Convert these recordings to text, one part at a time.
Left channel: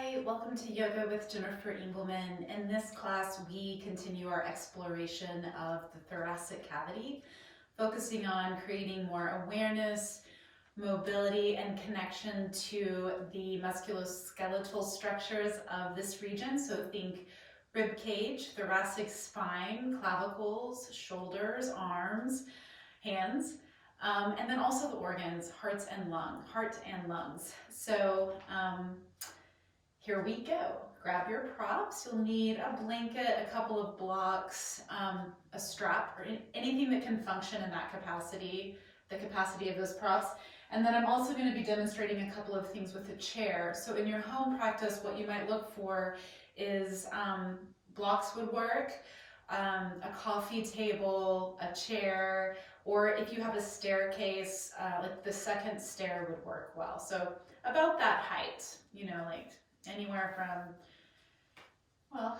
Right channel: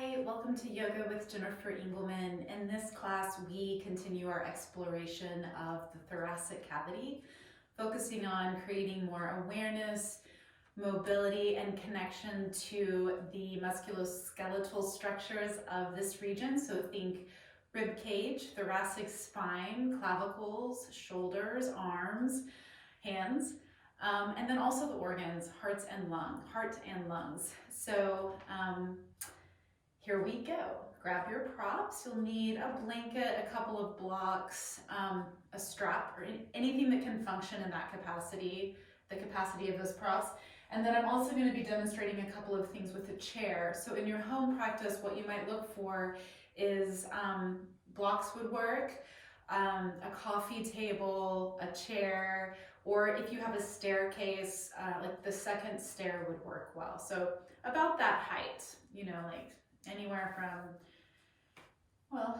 Hi, welcome to Yoga with Jennifer Engelman. In this class, we continue our exploration of the thoracic cavity, focusing on creating more awareness, mobility, and connection to the musculoskeletal structures of this region. So think rib cage, thoracic spine, clavicles, shoulders, arms, hands. And then also the organs, heart and lungs. So here we go. Grab your props. You'll need a blanket, a couple of blocks, a strap, or anything that can function in that capacity, the capacity of those props. And then I'm also going to be demonstrating a couple of things with a chair. So in your home practice, what you might look for is blocks would work, a coffee table, a chair, or if you have a staircase, like the second stair would work well. So about that height, like anywhere from, well,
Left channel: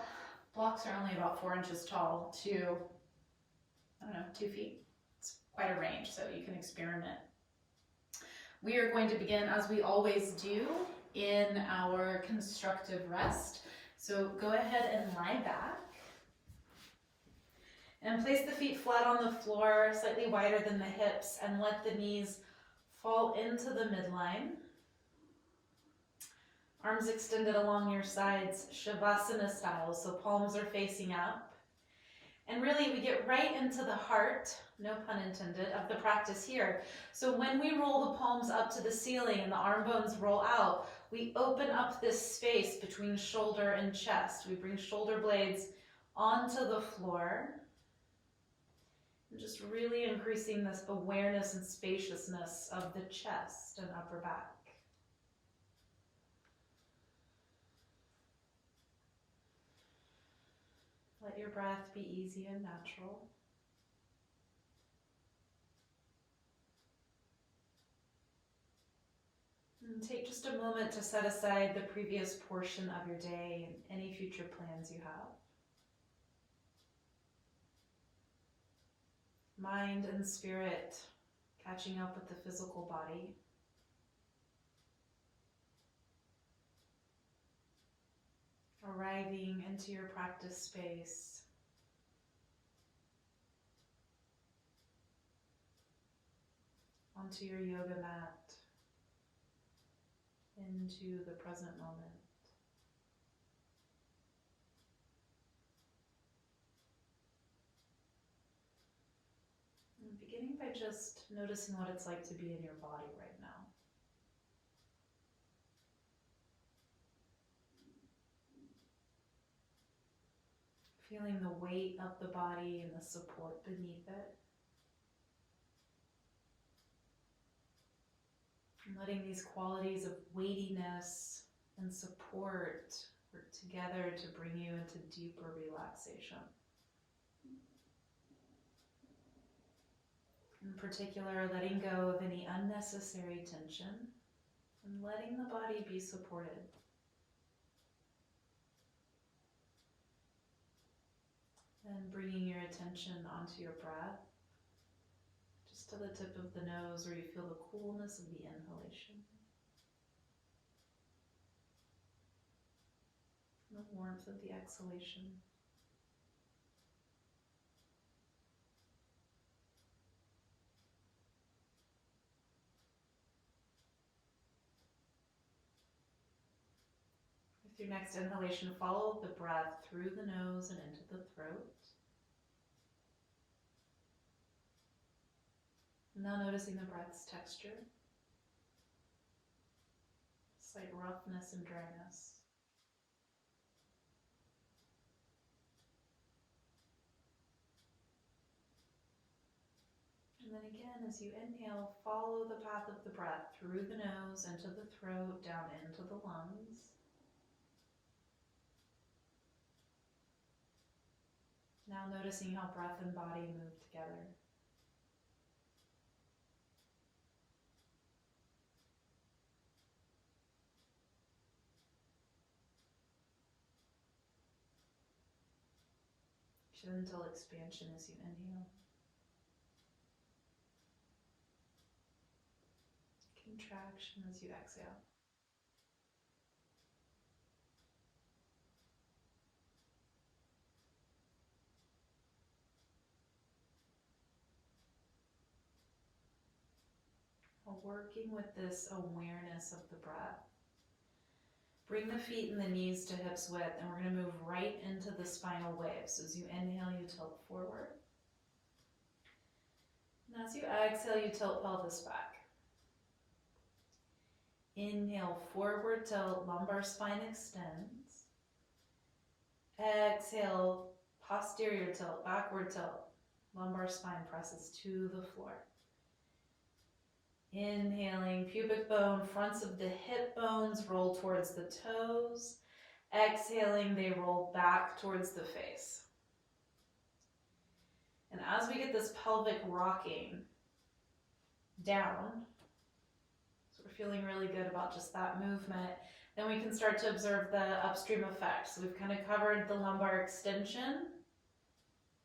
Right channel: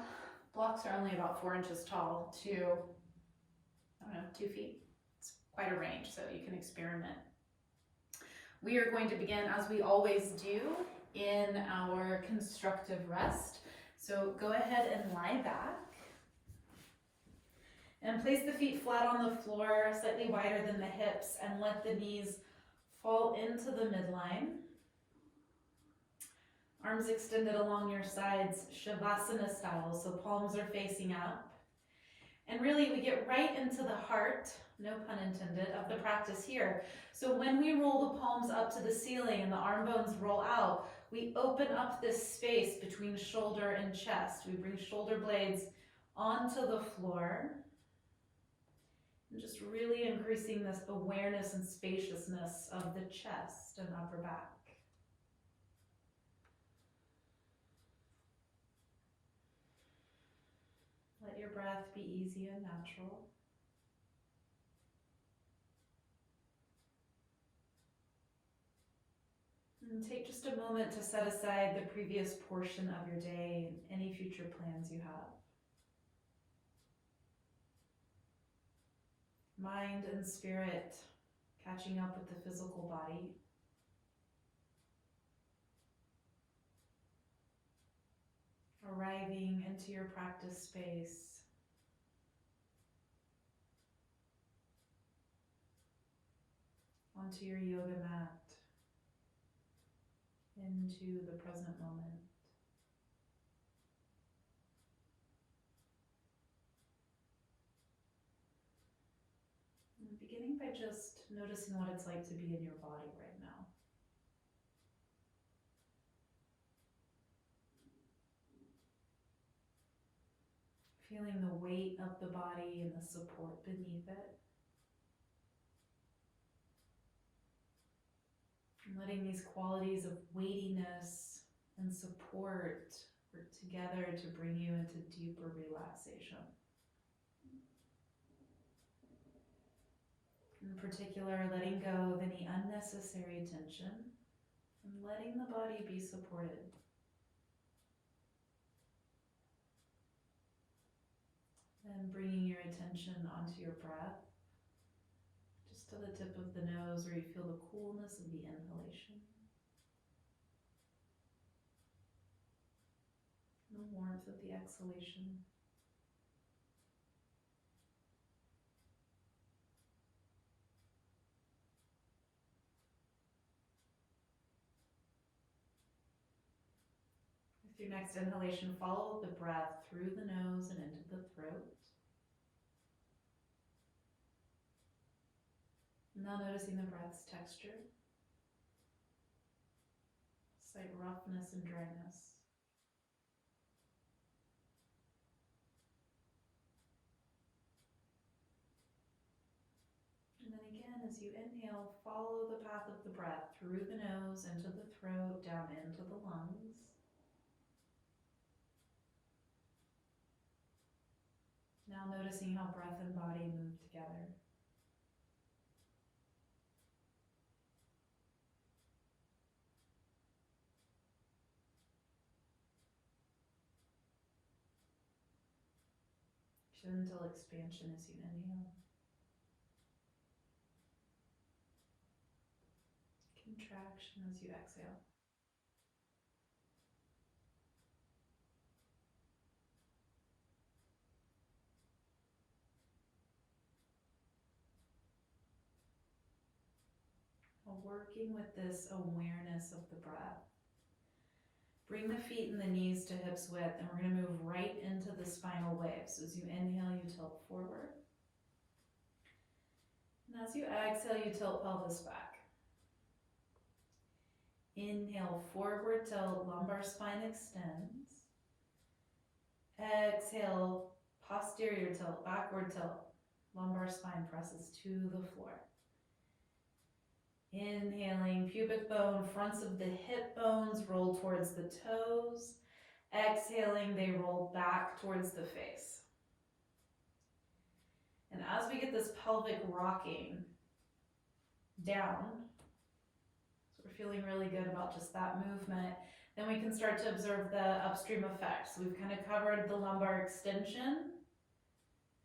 blocks are only about 4 inches tall to, I don't know, 2 feet. It's quite a range, so you can experiment. We are going to begin, as we always do, in our constructive rest. So go ahead and lie back. And place the feet flat on the floor, slightly wider than the hips, and let the knees fall into the midline. Arms extended along your sides, Shavasana style, so palms are facing up. And really, we get right into the heart, no pun intended, of the practice here. So when we roll the palms up to the ceiling and the arm bones roll out, we open up this space between shoulder and chest. We bring shoulder blades onto the floor. And just really increasing this awareness and spaciousness of the chest and upper back. Let your breath be easy and natural. And take just a moment to set aside the previous portion of your day and any future plans you have. Mind and spirit catching up with the physical body. Arriving into your practice space. Onto your yoga mat. Into the present moment. And beginning by just noticing what it's like to be in your body right now. Feeling the weight of the body and the support beneath it. And letting these qualities of weightiness and support work together to bring you into deeper relaxation. In particular, letting go of any unnecessary tension and letting the body be supported. And bringing your attention onto your breath, just to the tip of the nose where you feel the coolness of the inhalation. And the warmth of the exhalation. With your next inhalation, follow the breath through the nose and into the throat. Now noticing the breath's texture, slight roughness and dryness. And then again, as you inhale, follow the path of the breath through the nose, into the throat, down into the lungs. Now noticing how breath and body move together. Gentle expansion as you inhale. Contraction as you exhale. working with this awareness of the breath. Bring the feet and the knees to hips width, and we're going to move right into the spinal wave. So as you inhale, you tilt forward. And as you exhale, you tilt pelvis back. Inhale, forward tilt, lumbar spine extends. Exhale, posterior tilt, backward tilt, lumbar spine presses to the floor. Inhaling, pubic bone, fronts of the hip bones roll towards the toes. Exhaling, they roll back towards the face. And as we get this pelvic rocking down, so we're feeling really good about just that movement, then we can start to observe the upstream effects. So we've kind of covered the lumbar extension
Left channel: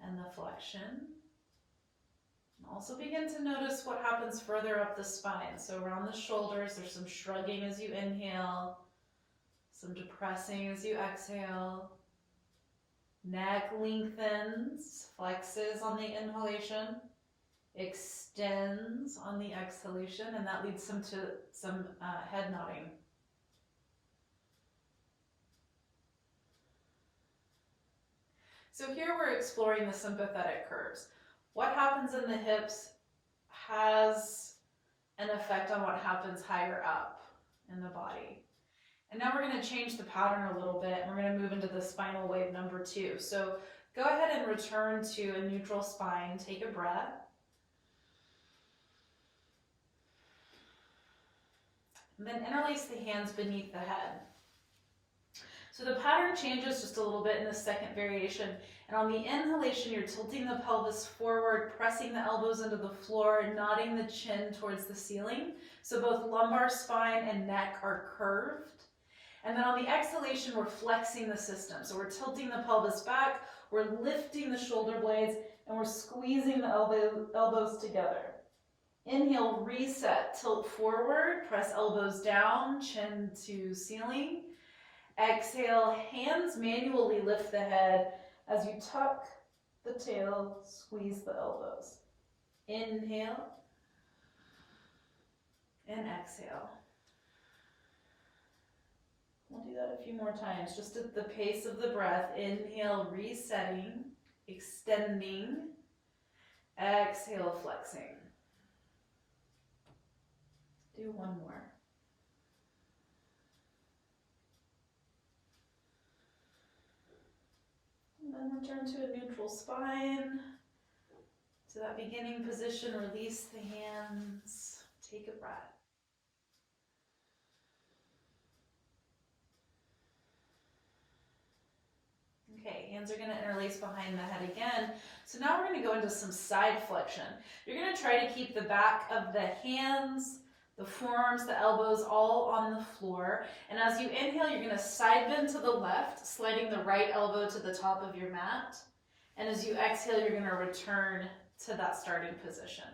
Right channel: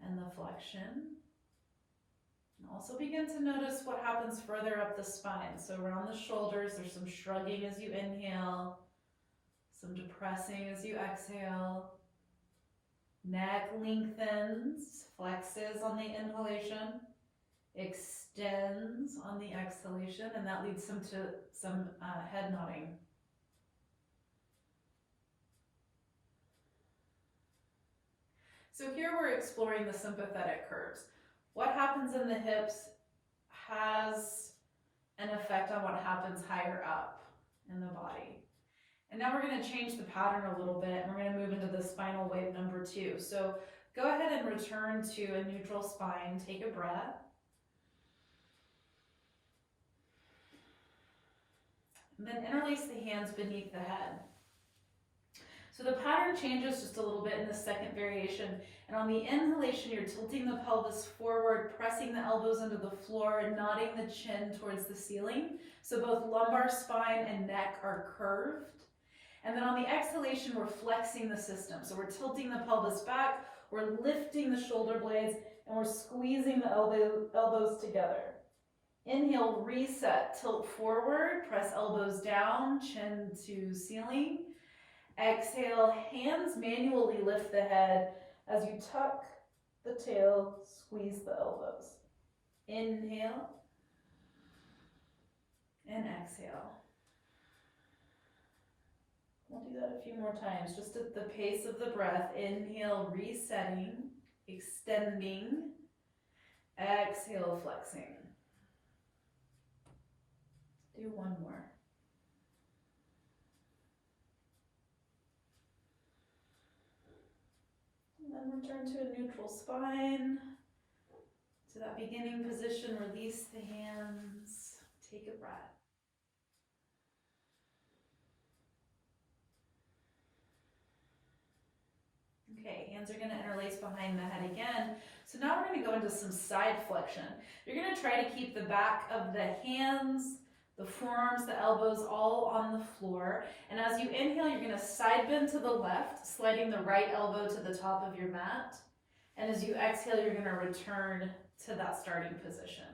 and the flexion. And also begin to notice what happens further up the spine. So around the shoulders, there's some shrugging as you inhale, some depressing as you exhale. Neck lengthens, flexes on the inhalation, extends on the exhalation, and that leads to some head nodding. So here we're exploring the sympathetic curves. What happens in the hips has an effect on what happens higher up in the body. And now we're going to change the pattern a little bit, and we're going to move into the spinal wave number 2. So go ahead and return to a neutral spine. Take a breath. And then interlace the hands beneath the head. So the pattern changes just a little bit in the second variation. And on the inhalation, you're tilting the pelvis forward, pressing the elbows into the floor, and nodding the chin towards the ceiling. So both lumbar spine and neck are curved. And then on the exhalation, we're flexing the system. So we're tilting the pelvis back, we're lifting the shoulder blades, and we're squeezing the elbows together. Inhale, reset, tilt forward, press elbows down, chin to ceiling. Exhale, hands manually lift the head as you tuck the tail, squeeze the elbows. Inhale and exhale. We'll do that a few more times, just at the pace of the breath. Inhale, resetting, extending. Exhale, flexing. Do one more. And then return to a neutral spine. To that beginning position, release the hands. Take a breath. Okay, hands are going to interlace behind the head again. So now we're going to go into some side flexion. You're going to try to keep the back of the hands, the forearms, the elbows all on the floor. And as you inhale, you're going to side bend to the left, sliding the right elbow to the top of your mat. And as you exhale, you're going to return to that starting position.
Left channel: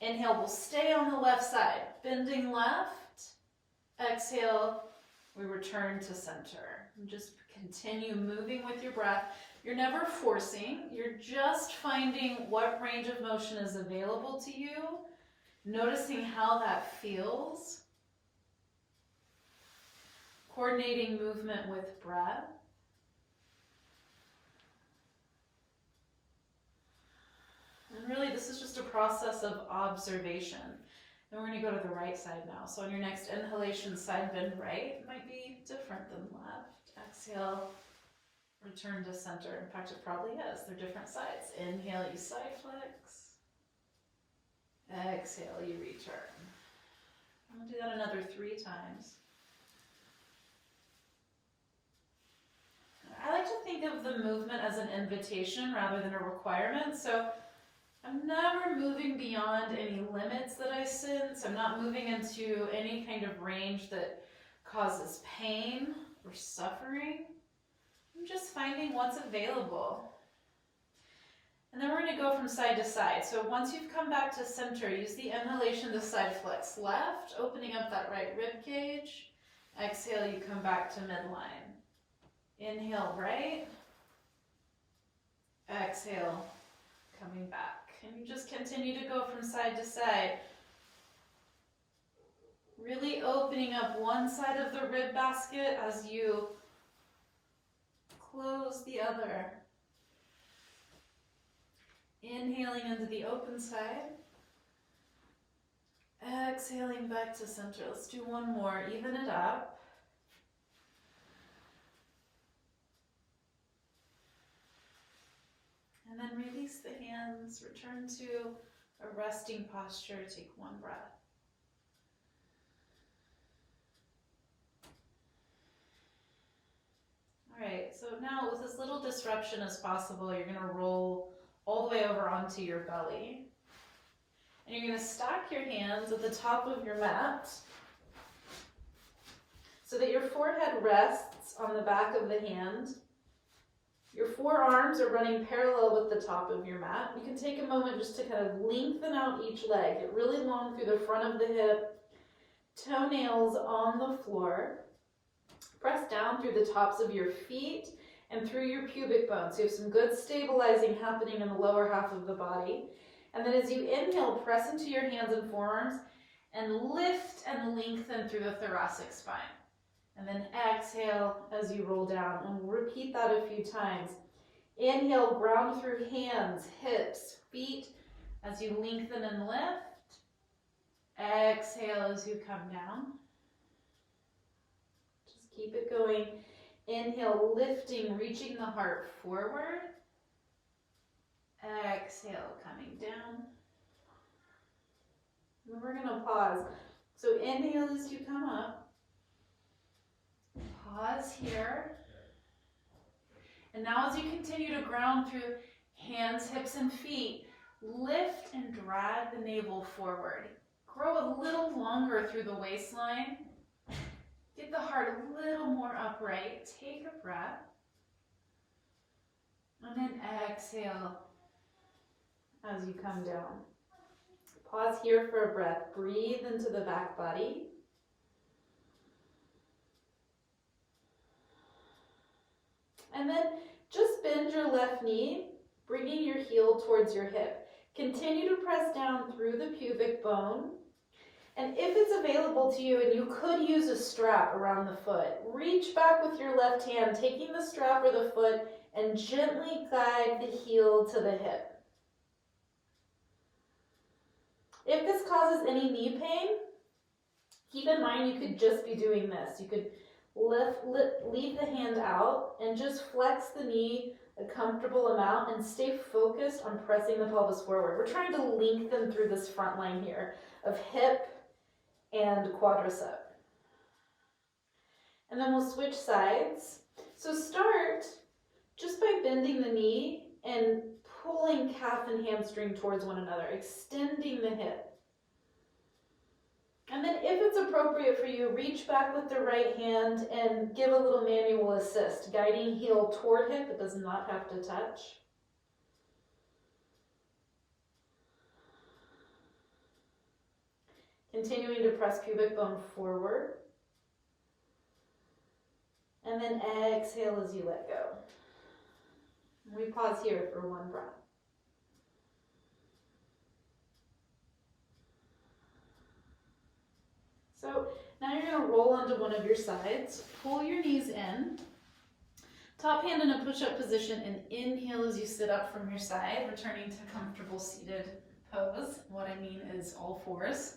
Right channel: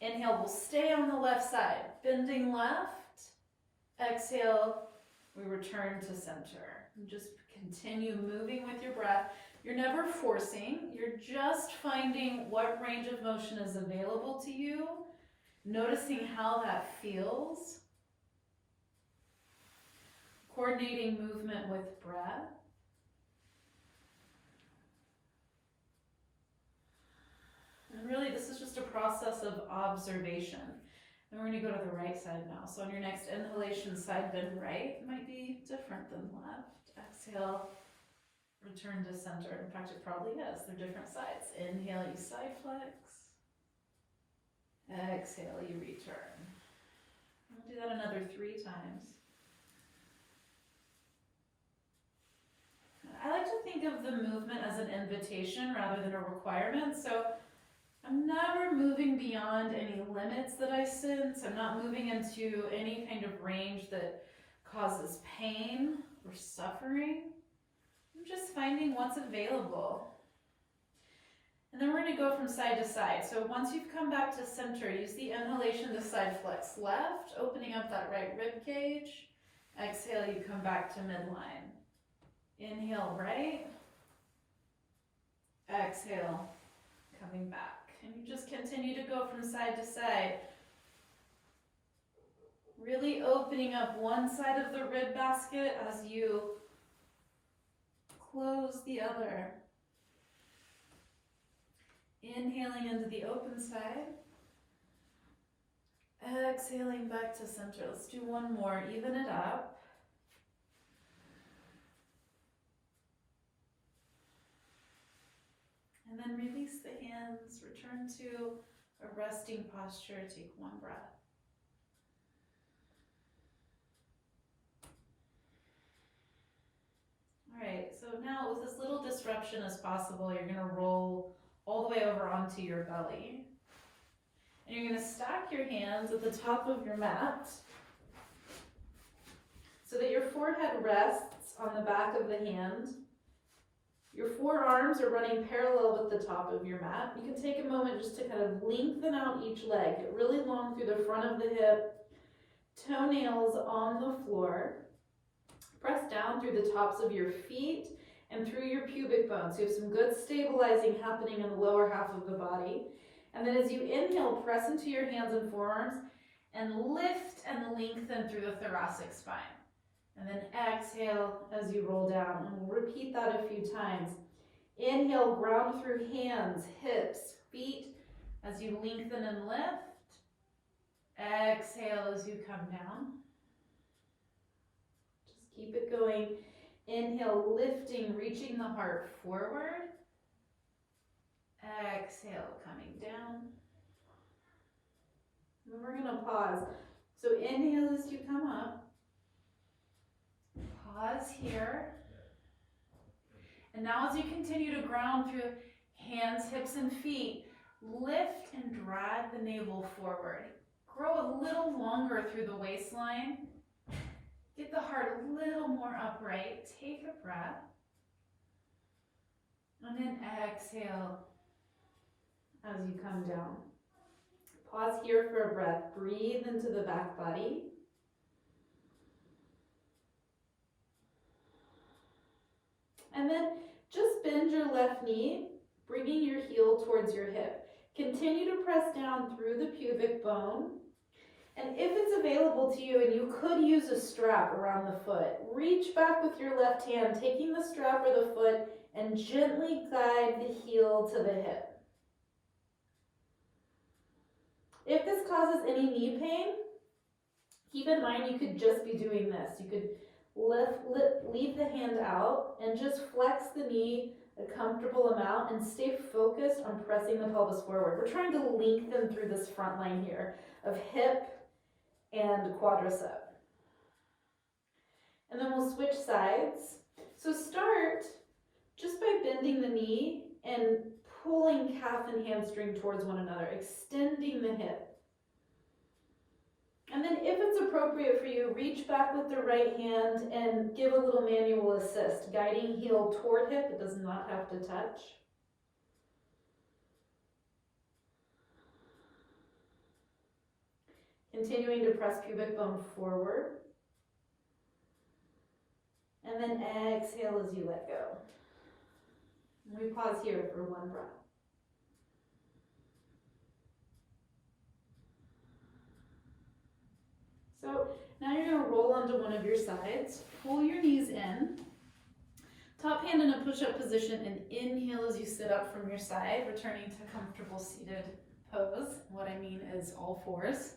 Inhale, we'll stay on the left side, bending left. Exhale, we return to center. And just continue moving with your breath. You're never forcing, you're just finding what range of motion is available to you, noticing how that feels, coordinating movement with breath. And really, this is just a process of observation. And we're going to go to the right side now. So on your next inhalation, side bend right might be different than left. Exhale, return to center. In fact, it probably is. They're different sides. Inhale, you side flex. Exhale, you return. We'll do that another 3 times. I like to think of the movement as an invitation rather than a requirement. So I'm never moving beyond any limits that I sense. I'm not moving into any kind of range that causes pain or suffering. I'm just finding what's available. And then we're going to go from side to side. So once you've come back to center, use the inhalation to side flex left, opening up that right rib cage. Exhale, you come back to midline. Inhale, right. Exhale, coming back. And you just continue to go from side to side. Really opening up one side of the rib basket as you close the other. Inhaling into the open side. Exhaling back to center. Let's do one more. Even it up. And then release the hands. Return to a resting posture. Take one breath. All right, so now with as little disruption as possible, you're going to roll all the way over onto your belly. And you're going to stack your hands at the top of your mat so that your forehead rests on the back of the hand. Your forearms are running parallel with the top of your mat. You can take a moment just to kind of lengthen out each leg. Get really long through the front of the hip, toenails on the floor. Press down through the tops of your feet and through your pubic bones. So you have some good stabilizing happening in the lower half of the body. And then as you inhale, press into your hands and forearms and lift and lengthen through the thoracic spine. And then exhale as you roll down. And we'll repeat that a few times. Inhale, ground through hands, hips, feet as you lengthen and lift. Exhale as you come down. Just keep it going. Inhale, lifting, reaching the heart forward. Exhale, coming down. And then we're going to pause. So inhale as you come up. Pause here. And now as you continue to ground through hands, hips, and feet, lift and drag the navel forward. Grow a little longer through the waistline. Get the heart a little more upright. Take a breath. And then exhale as you come down. Pause here for a breath. Breathe into the back body. And then just bend your left knee, bringing your heel towards your hip. Continue to press down through the pubic bone. And if it's available to you and you could use a strap around the foot, reach back with your left hand, taking the strap or the foot, and gently guide the heel to the hip. If this causes any knee pain, keep in mind you could just be doing this. You could leave the hand out and just flex the knee a comfortable amount and stay focused on pressing the pelvis forward. We're trying to lengthen through this front line here of hip and quadricep. And then we'll switch sides. So start just by bending the knee and pulling calf and hamstring towards one another, extending the hip. And then if it's appropriate for you, reach back with the right hand and give a little manual assist, guiding heel toward hip. It does not have to touch. Continuing to press pubic bone forward. And then exhale as you let go. We pause here for one breath. So now you're going to roll onto one of your sides. Pull your knees in. Top hand in a push-up position and inhale as you sit up from your side, returning to comfortable seated pose. What I mean is all fours.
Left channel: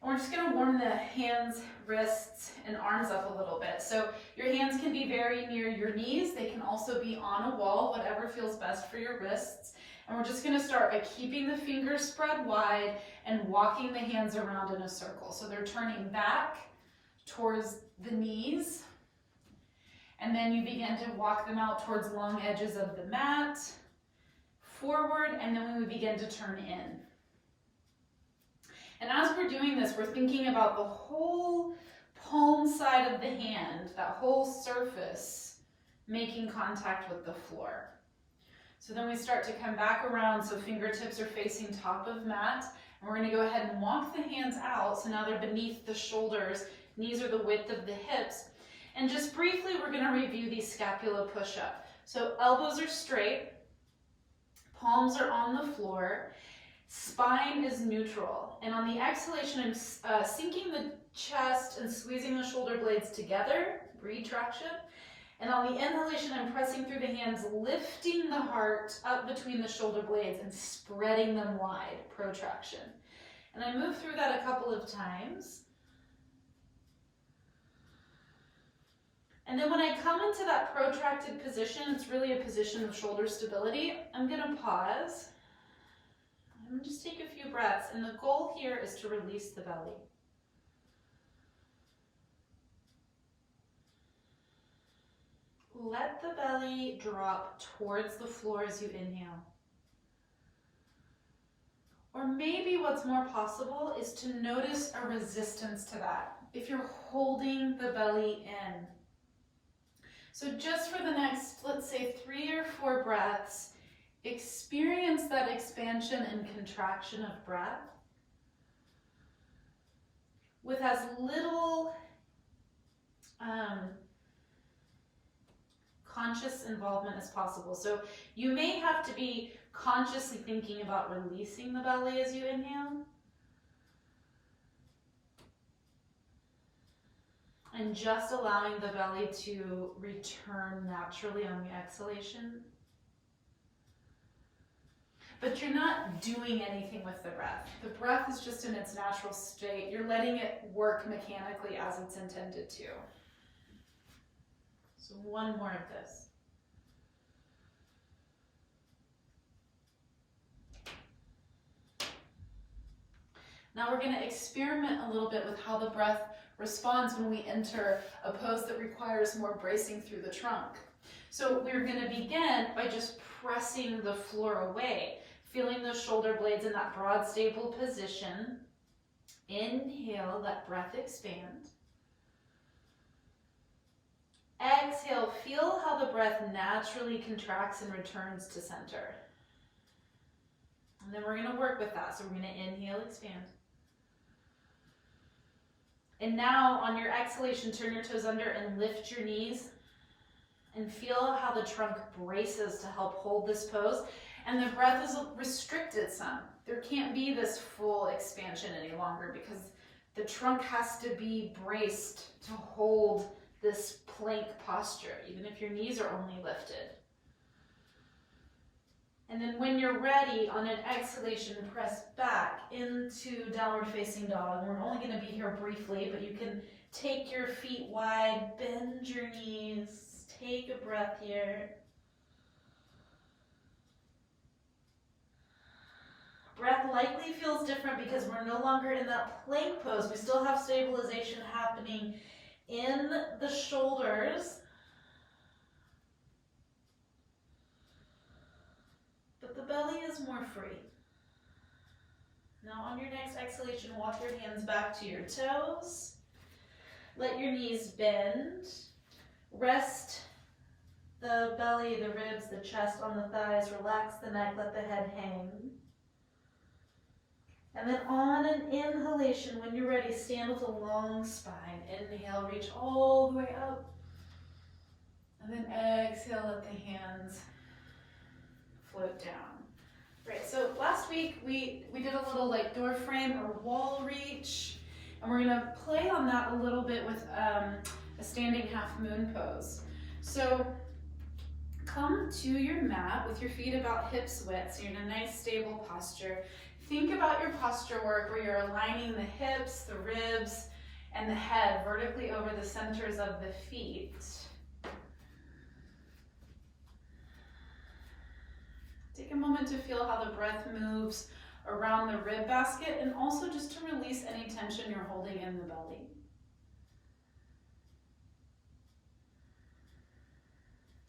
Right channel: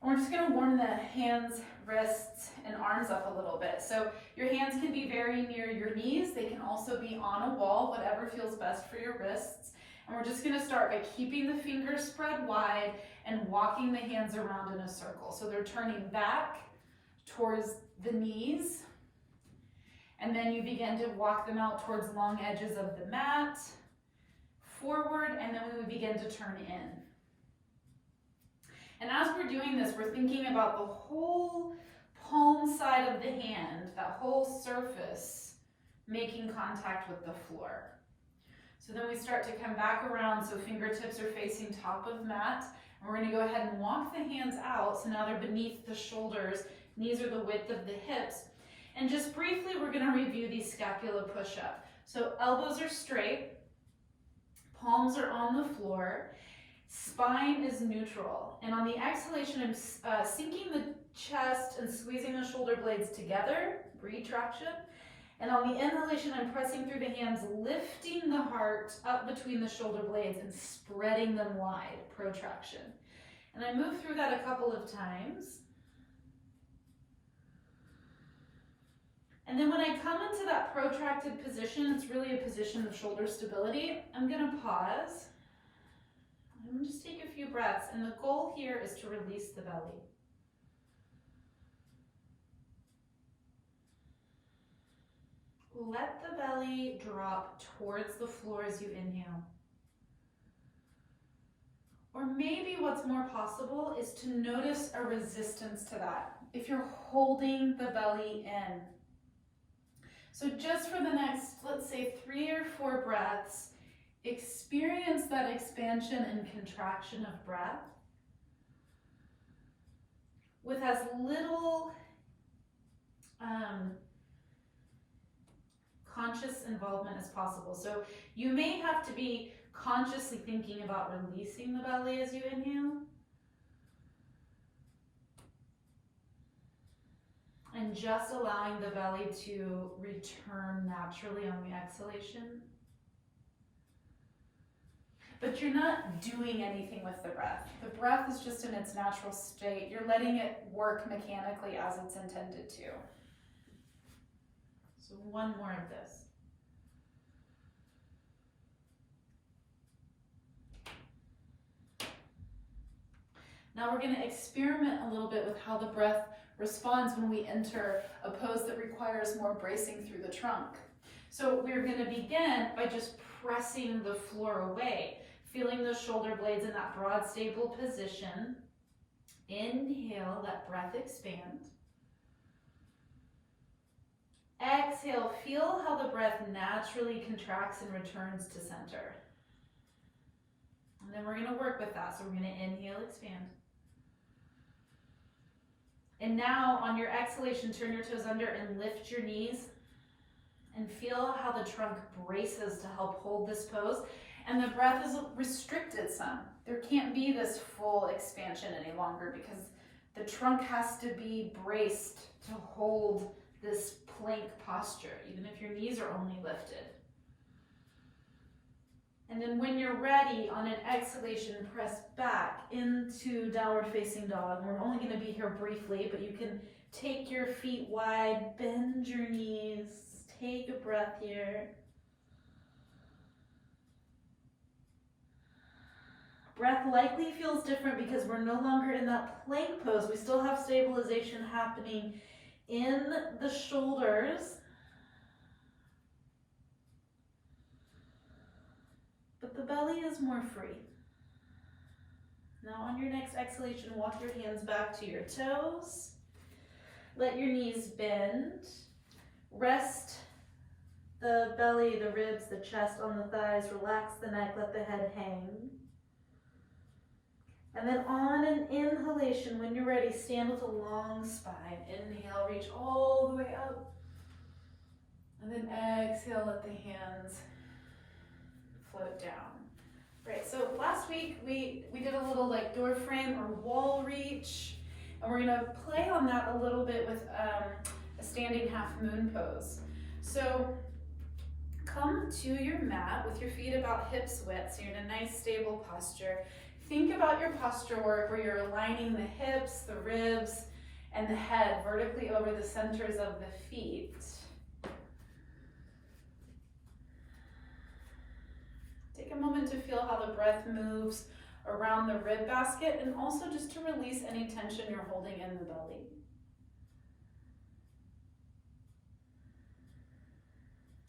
And we're just going to warm the hands, wrists, and arms up a little bit. So your hands can be very near your knees. They can also be on a wall, whatever feels best for your wrists. And we're just going to start by keeping the fingers spread wide and walking the hands around in a circle. So they're turning back towards the knees. And then you begin to walk them out towards long edges of the mat, forward, and then we would begin to turn in. And as we're doing this, we're thinking about the whole palm side of the hand, that whole surface, making contact with the floor. So then we start to come back around, so fingertips are facing top of mat. And we're going to go ahead and walk the hands out, so now they're beneath the shoulders. Knees are the width of the hips. And just briefly, we're going to review the scapula push-up. So elbows are straight, palms are on the floor. Spine is neutral. And on the exhalation, I'm sinking the chest and squeezing the shoulder blades together, retraction. And on the inhalation, I'm pressing through the hands, lifting the heart up between the shoulder blades and spreading them wide, protraction. And I move through that a couple of times. And then when I come into that protracted position, it's really a position of shoulder stability. I'm going to pause. I'm going to just take a few breaths. And the goal here is to release the belly. Let the belly drop towards the floor as you inhale. Or maybe what's more possible is to notice a resistance to that. If you're holding the belly in. So just for the next, let's say 3 or 4 breaths, experience that expansion and contraction of breath with as little conscious involvement as possible. So you may have to be consciously thinking about releasing the belly as you inhale. And just allowing the belly to return naturally on the exhalation. But you're not doing anything with the breath. The breath is just in its natural state. You're letting it work mechanically as it's intended to. So one more of this. Now we're going to experiment a little bit with how the breath responds when we enter a pose that requires more bracing through the trunk. So we're going to begin by just pressing the floor away, feeling those shoulder blades in that broad, stable position. Inhale, let breath expand. Exhale, feel how the breath naturally contracts and returns to center. And then we're going to work with that. So we're going to inhale, expand. And now on your exhalation, turn your toes under and lift your knees and feel how the trunk braces to help hold this pose. And the breath is restricted some. There can't be this full expansion any longer because the trunk has to be braced to hold this plank posture, even if your knees are only lifted. And then when you're ready, on an exhalation, press back into downward facing dog. We're only going to be here briefly, but you can take your feet wide, bend your knees, take a breath here. Breath likely feels different because we're no longer in that plank pose. We still have stabilization happening in the shoulders. But the belly is more free. Now on your next exhalation, walk your hands back to your toes. Let your knees bend. Rest the belly, the ribs, the chest on the thighs. Relax the neck, let the head hang. And then on an inhalation, when you're ready, stand with a long spine. Inhale, reach all the way up. And then exhale, let the hands float down. Right, so last week we did a little like door frame or wall reach, and we're gonna play on that a little bit with a standing half moon pose. So come to your mat with your feet about hips width, so you're in a nice stable posture. Think about your posture work where you're aligning the hips, the ribs, and the head vertically over the centers of the feet. Take a moment to feel how the breath moves around the rib basket and also just to release any tension you're holding in the belly.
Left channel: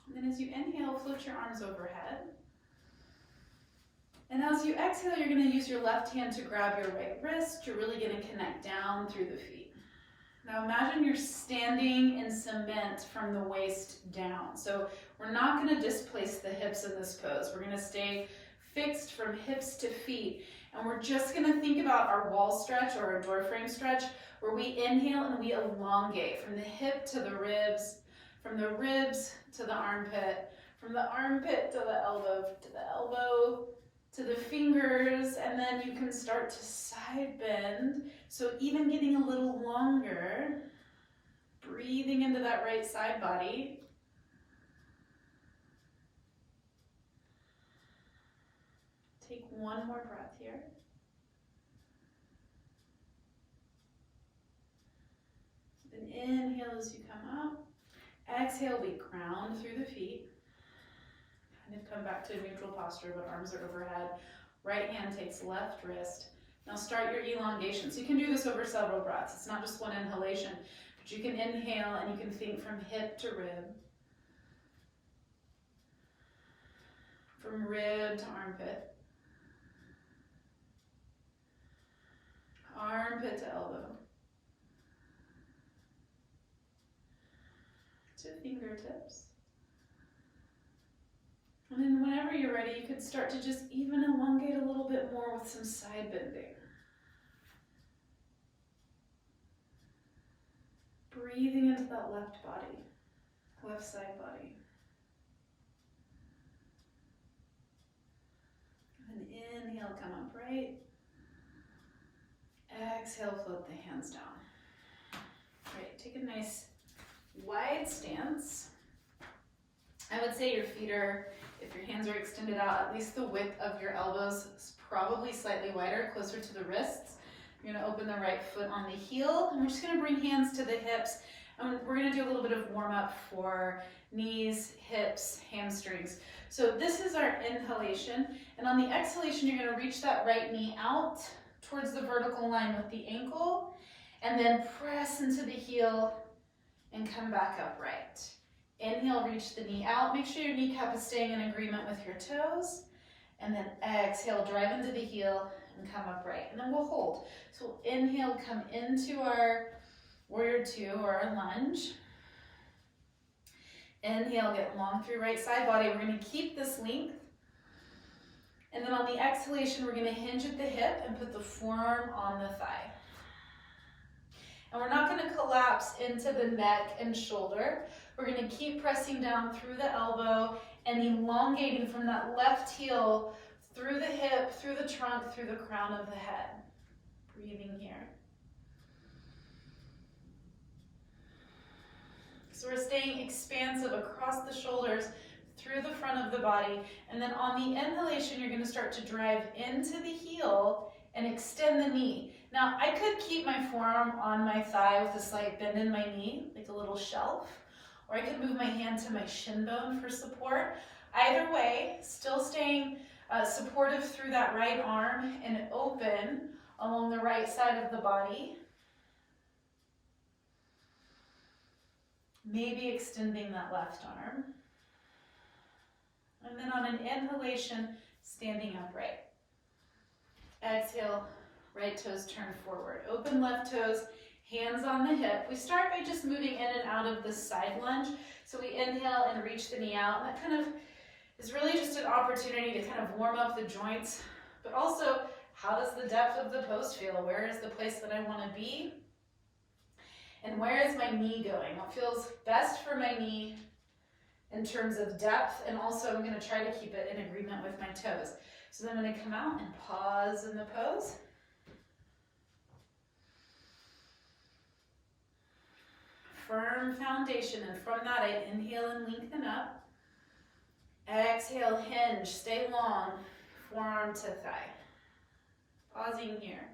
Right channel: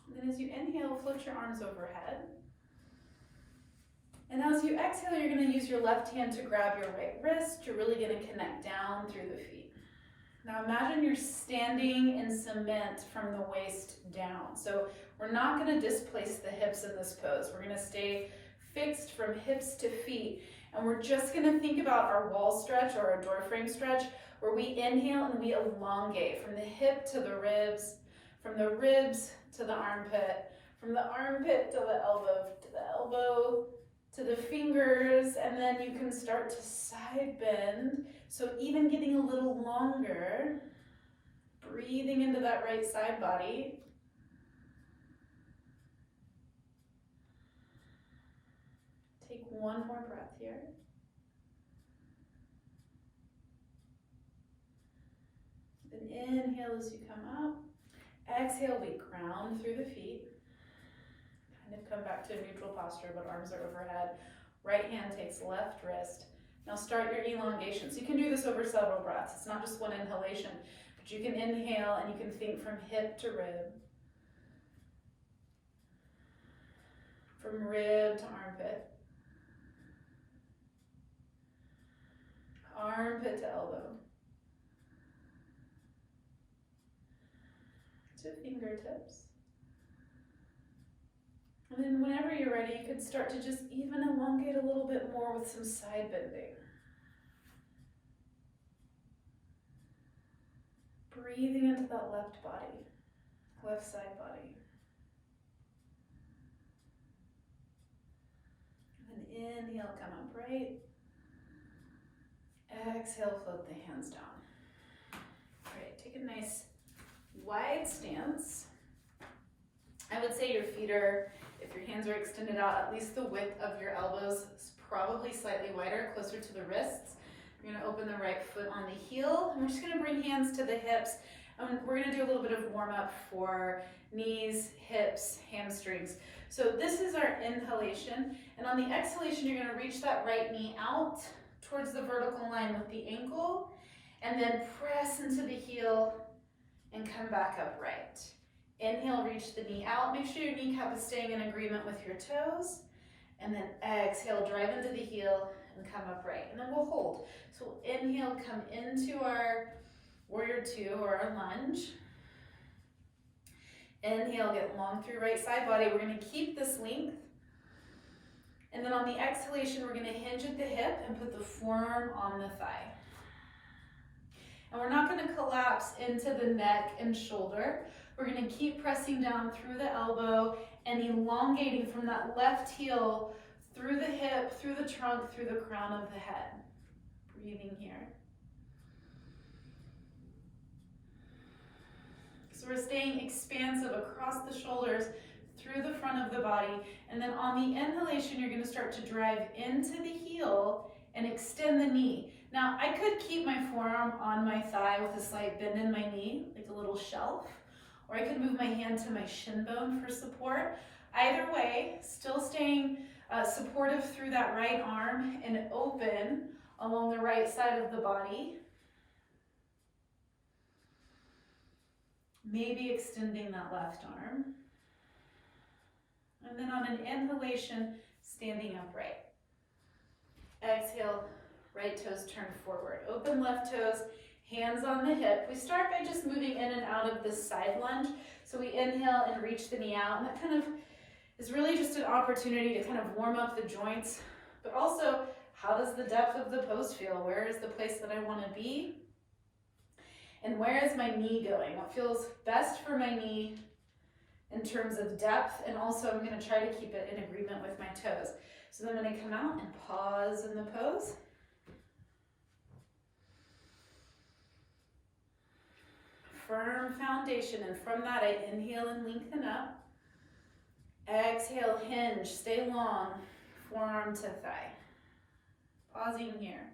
And then as you inhale, float your arms overhead. And as you exhale, you're going to use your left hand to grab your right wrist. You're really going to connect down through the feet. Now imagine you're standing in cement from the waist down. So we're not going to displace the hips in this pose. We're going to stay fixed from hips to feet. And we're just going to think about our wall stretch or our door frame stretch where we inhale and we elongate from the hip to the ribs, from the ribs to the armpit, from the armpit to the elbow to the fingers, and then you can start to side bend. So even getting a little longer, breathing into that right side body. Take one more breath here. Then inhale as you come up. Exhale, we ground through the feet. Kind of come back to a neutral posture, but arms are overhead. Right hand takes left wrist. Now start your elongation. So you can do this over several breaths. It's not just one inhalation, but you can inhale and you can think from hip to rib. From rib to armpit. Armpit to elbow. To fingertips. And then whenever you're ready, you could start to just even elongate a little bit more with some side bending. Breathing into that left body, left side body. And inhale, come upright. Exhale, float the hands down. Great, take a nice wide stance. I would say your feet are, if your hands are extended out, at least the width of your elbows is probably slightly wider, closer to the wrists. You're gonna open the right foot on the heel, and we're just gonna bring hands to the hips, and we're gonna do a little bit of warm up for knees, hips, hamstrings. So this is our inhalation, and on the exhalation, you're gonna reach that right knee out towards the vertical line with the ankle, and then press into the heel and come back upright. Inhale, reach the knee out. Make sure your kneecap is staying in agreement with your toes. And then exhale, drive into the heel and come upright. And then we'll hold. So we'll inhale, come into our warrior two or our lunge. Inhale, get long through right side body. We're gonna keep this length. And then on the exhalation, we're gonna hinge at the hip and put the forearm on the thigh. And we're not gonna collapse into the neck and shoulder. We're gonna keep pressing down through the elbow and elongating from that left heel through the hip, through the trunk, through the crown of the head. Breathing here. So we're staying expansive across the shoulders, through the front of the body, and then on the inhalation, you're gonna start to drive into the heel and extend the knee. Now, I could keep my forearm on my thigh with a slight bend in my knee, like a little shelf, or I could move my hand to my shin bone for support. Either way, still staying supportive through that right arm and open along the right side of the body. Maybe extending that left arm. And then on an inhalation, standing upright. Exhale, right toes turn forward. Open left toes, hands on the hip. We start by just moving in and out of the side lunge. So we inhale and reach the knee out, and that kind of is really just an opportunity to kind of warm up the joints, but also how does the depth of the pose feel? Where is the place that I want to be? And where is my knee going? What feels best for my knee in terms of depth, and also I'm going to try to keep it in agreement with my toes. So then I'm going to come out and pause in the pose. Firm foundation, and from that I inhale and lengthen up. Exhale, hinge, stay long, forearm to thigh. Pausing here.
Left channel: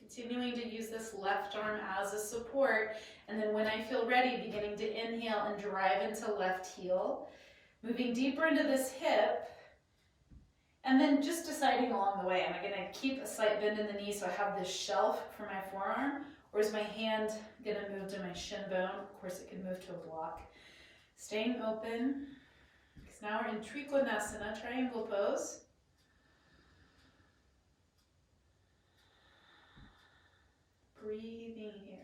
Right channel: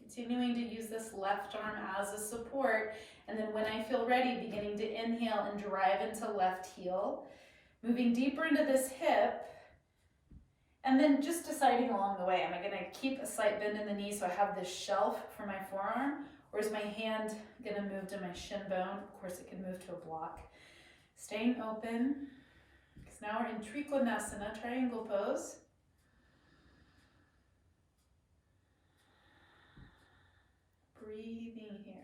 Continuing to use this left arm as a support, and then when I feel ready, beginning to inhale and drive into left heel, moving deeper into this hip, and then just deciding along the way, am I gonna keep a slight bend in the knee so I have this shelf for my forearm, or is my hand gonna move to my shin bone? Of course, it can move to a block. Staying open, because now we're in Trikonasana, triangle pose. Breathing here.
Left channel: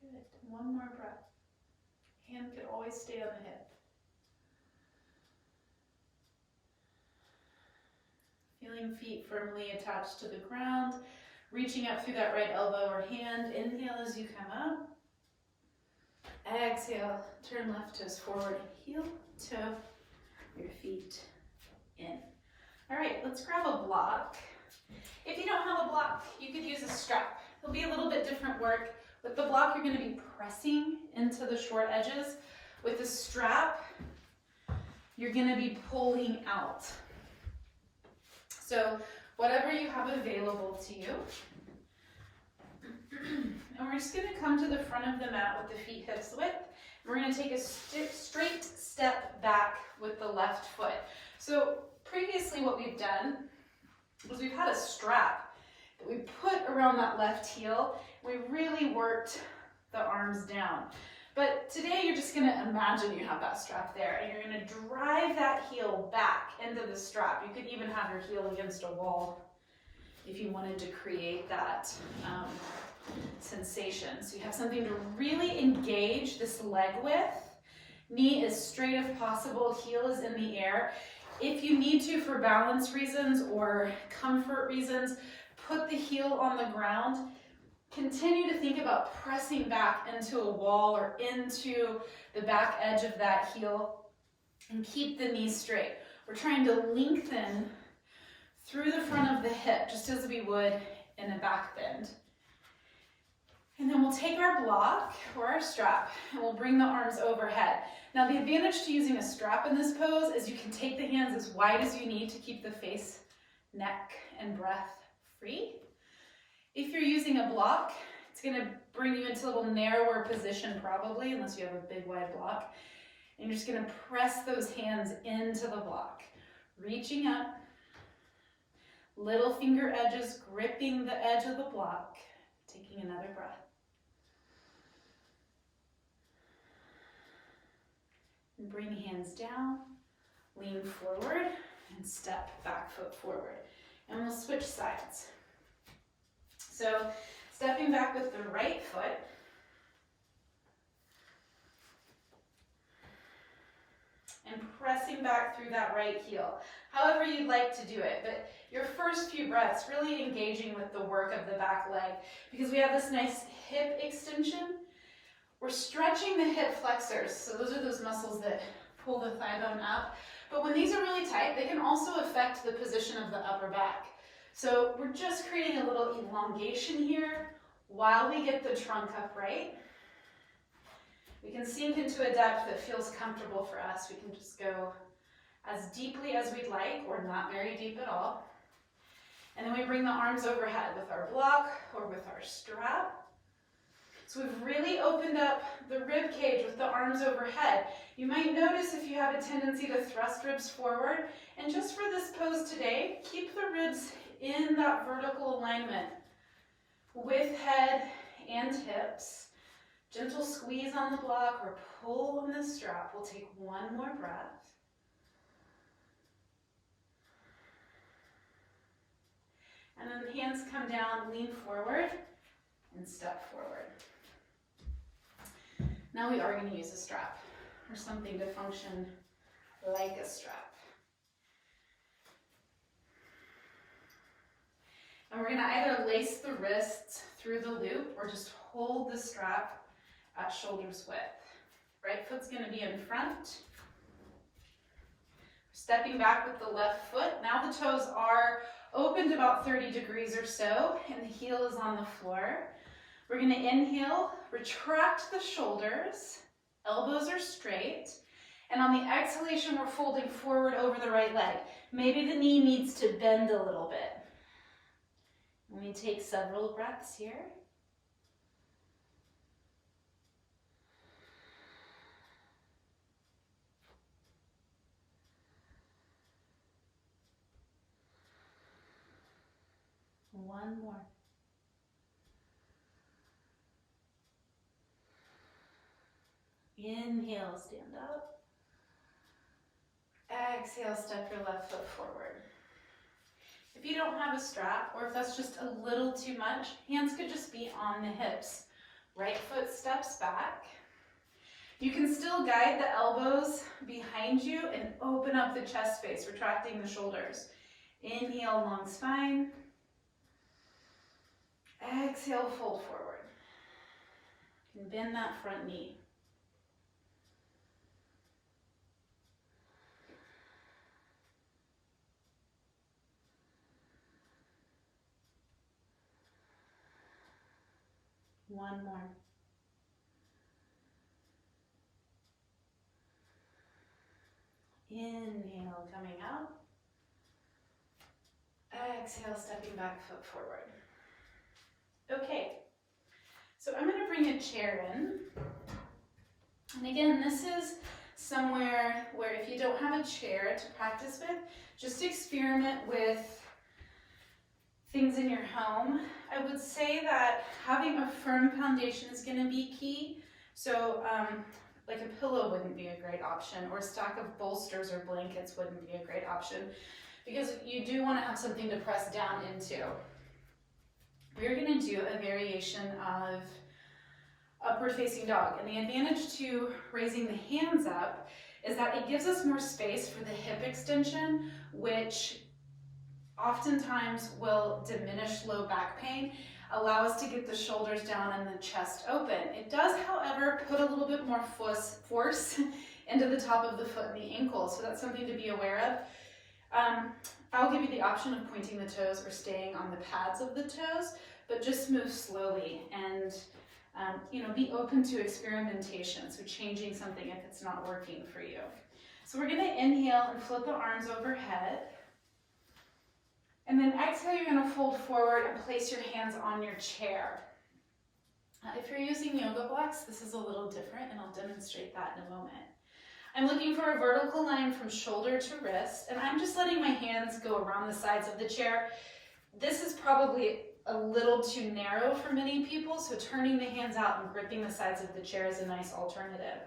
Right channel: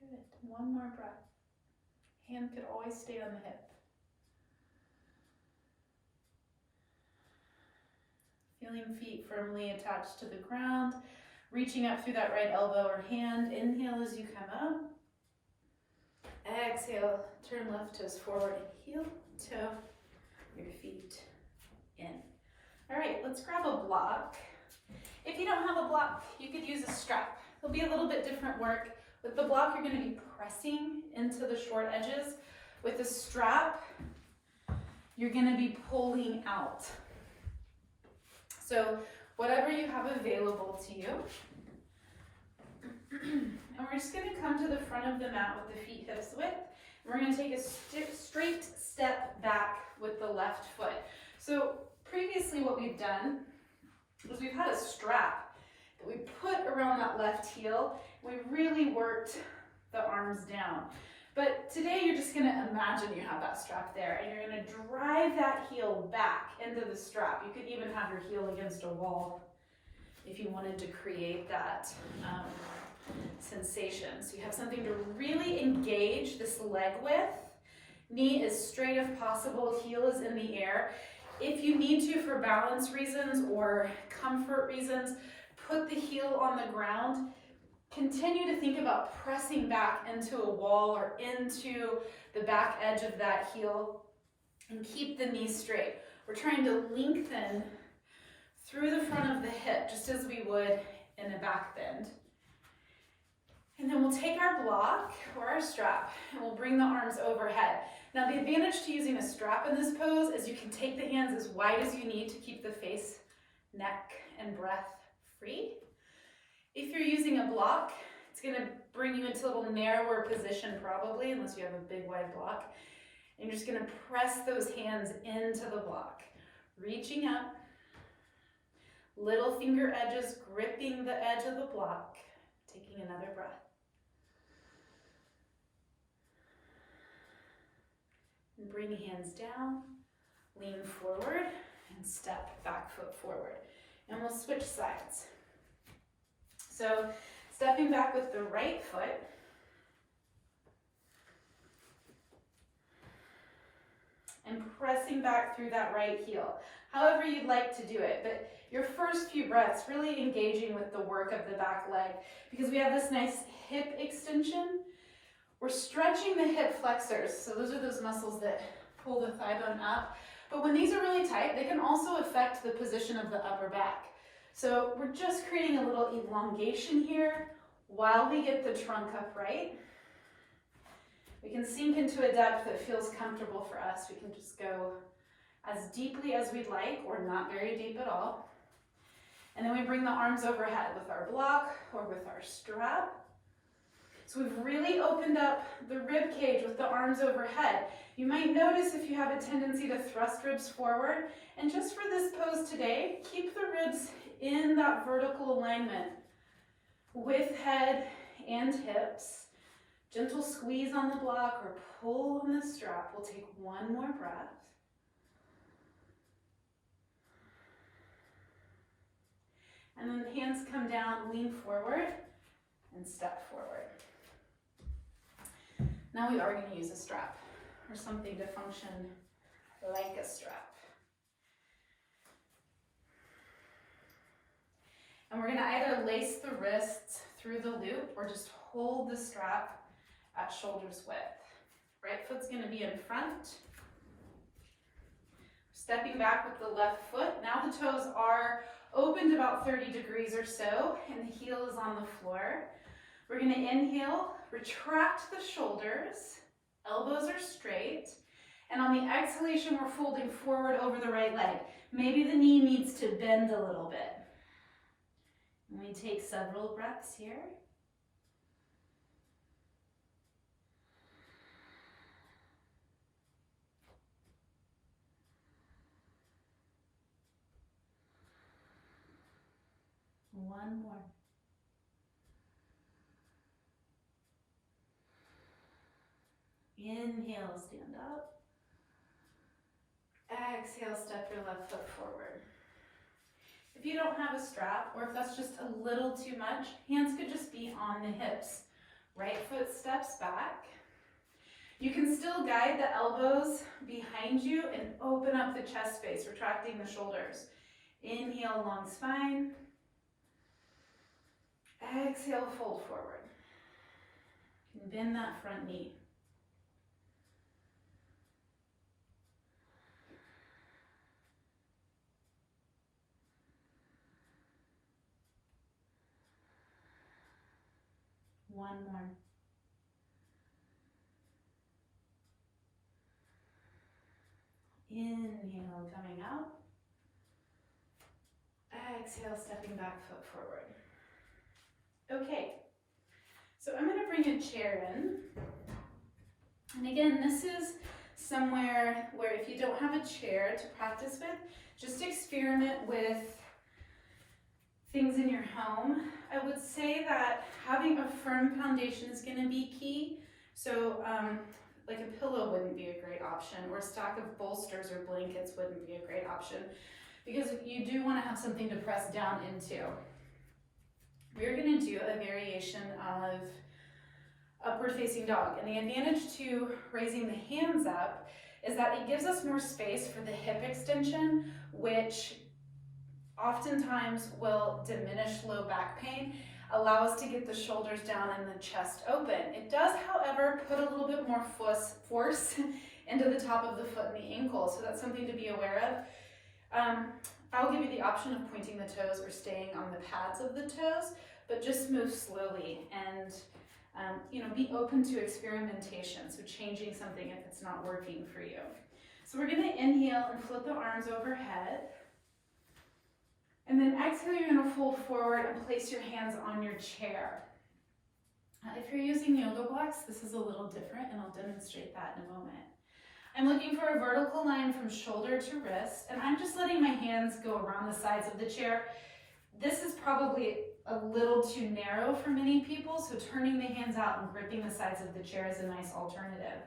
Good, one more breath. Hand could always stay on the hip. Feeling feet firmly attached to the ground, reaching up through that right elbow or hand. Inhale as you come up. Exhale, turn left toes forward and heel, toe, your feet in. All right, let's grab a block. If you don't have a block, you could use a strap. It'll be a little bit different work. With the block, you're gonna be pressing into the short edges. With the strap, you're gonna be pulling out. So whatever you have available to you. And we're just gonna come to the front of the mat with the feet hips width. And we're gonna take a straight step back with the left foot. So previously what we've done was we've had a strap that we put around that left heel. We really worked the arms down. But today you're just gonna imagine you have that strap there and you're gonna drive that heel back into the strap. You could even have your heel against a wall if you wanted to create that sensation. So you have something to really engage this leg with. Knee as straight as possible, heel is in the air. If you need to, for balance reasons or comfort reasons, put the heel on the ground. Continue to think about pressing back into a wall or into the back edge of that heel and keep the knee straight. We're trying to lengthen through the front of the hip, just as we would in a back bend. And then we'll take our block or our strap and we'll bring the arms overhead. Now the advantage to using a strap in this pose is you can take the hands as wide as you need to keep the face, neck, and breath free. If you're using a block, it's gonna bring you into a little narrower position probably, unless you have a big wide block. And you're just gonna press those hands into the block, reaching up, little finger edges gripping the edge of the block, taking another breath. And bring hands down, lean forward, and step back foot forward. And we'll switch sides. So stepping back with the right foot, and pressing back through that right heel. However you'd like to do it, but your first few breaths really engaging with the work of the back leg, because we have this nice hip extension. We're stretching the hip flexors, so those are those muscles that pull the thigh bone up. But when these are really tight, they can also affect the position of the upper back. So we're just creating a little elongation here while we get the trunk upright. We can sink into a depth that feels comfortable for us. We can just go as deeply as we'd like, or not very deep at all. And then we bring the arms overhead with our block or with our strap. So we've really opened up the rib cage with the arms overhead. You might notice if you have a tendency to thrust ribs forward. And just for this pose today, keep the ribs in that vertical alignment with head and hips. Gentle squeeze on the block or pull on the strap. We'll take one more breath. And then hands come down, lean forward, and step forward. Now we are going to use a strap or something to function like a strap. And we're going to either lace the wrists through the loop or just hold the strap at shoulders width. Right foot's going to be in front. Stepping back with the left foot. Now the toes are opened about 30 degrees or so, and the heel is on the floor. We're going to inhale, retract the shoulders, elbows are straight, and on the exhalation we're folding forward over the right leg. Maybe the knee needs to bend a little bit. And we take several breaths here. One more. Inhale, stand up. Exhale, step your left foot forward. If you don't have a strap, or if that's just a little too much, hands could just be on the hips. Right foot steps back. You can still guide the elbows behind you and open up the chest space, retracting the shoulders. Inhale, long spine. Exhale, fold forward. And bend that front knee. One more. Inhale, coming out. Exhale, stepping back, foot forward. Okay, so I'm going to bring a chair in. And again, this is somewhere where if you don't have a chair to practice with, just experiment with things in your home. I would say that having a firm foundation is going to be key. So like a pillow wouldn't be a great option, or a stack of bolsters or blankets wouldn't be a great option, because you do want to have something to press down into. We're going to do a variation of upward facing dog. And the advantage to raising the hands up is that it gives us more space for the hip extension, which oftentimes will diminish low back pain, allow us to get the shoulders down and the chest open. It does, however, put a little bit more force into the top of the foot and the ankle, so that's something to be aware of. I'll give you the option of pointing the toes or staying on the pads of the toes, but just move slowly and be open to experimentation, so changing something if it's not working for you. So we're going to inhale and float the arms overhead. And then exhale, you're going to fold forward and place your hands on your chair. If you're using yoga blocks, this is a little different, and I'll demonstrate that in a moment. I'm looking for a vertical line from shoulder to wrist, and I'm just letting my hands go around the sides of the chair. This is probably a little too narrow for many people, so turning the hands out and gripping the sides of the chair is a nice alternative.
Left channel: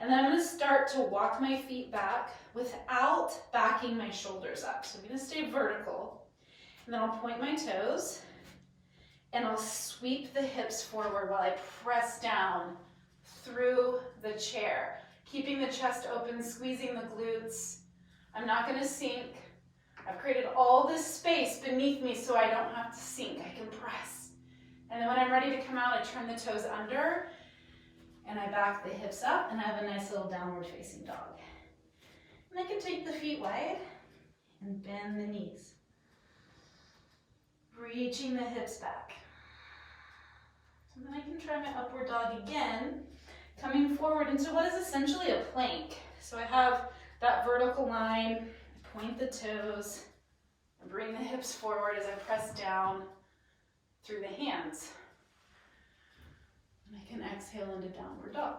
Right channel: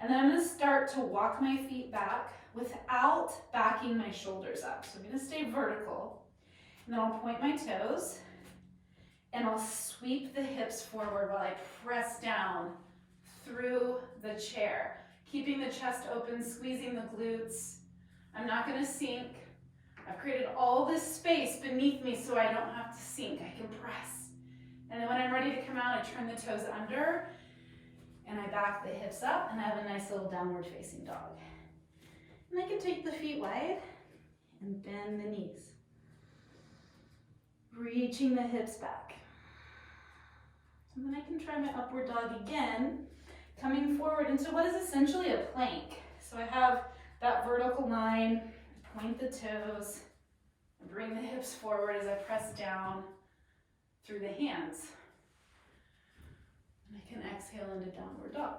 And then I'm going to start to walk my feet back without backing my shoulders up. So I'm going to stay vertical. And then I'll point my toes, and I'll sweep the hips forward while I press down through the chair, keeping the chest open, squeezing the glutes. I'm not going to sink. I've created all this space beneath me so I don't have to sink. I can press. And then when I'm ready to come out, I turn the toes under, and I back the hips up, and I have a nice little downward facing dog. And I can take the feet wide and bend the knees. Reaching the hips back. And then I can try my upward dog again, coming forward into what is essentially a plank. So I have that vertical line, point the toes, and bring the hips forward as I press down through the hands. And I can exhale into downward dog.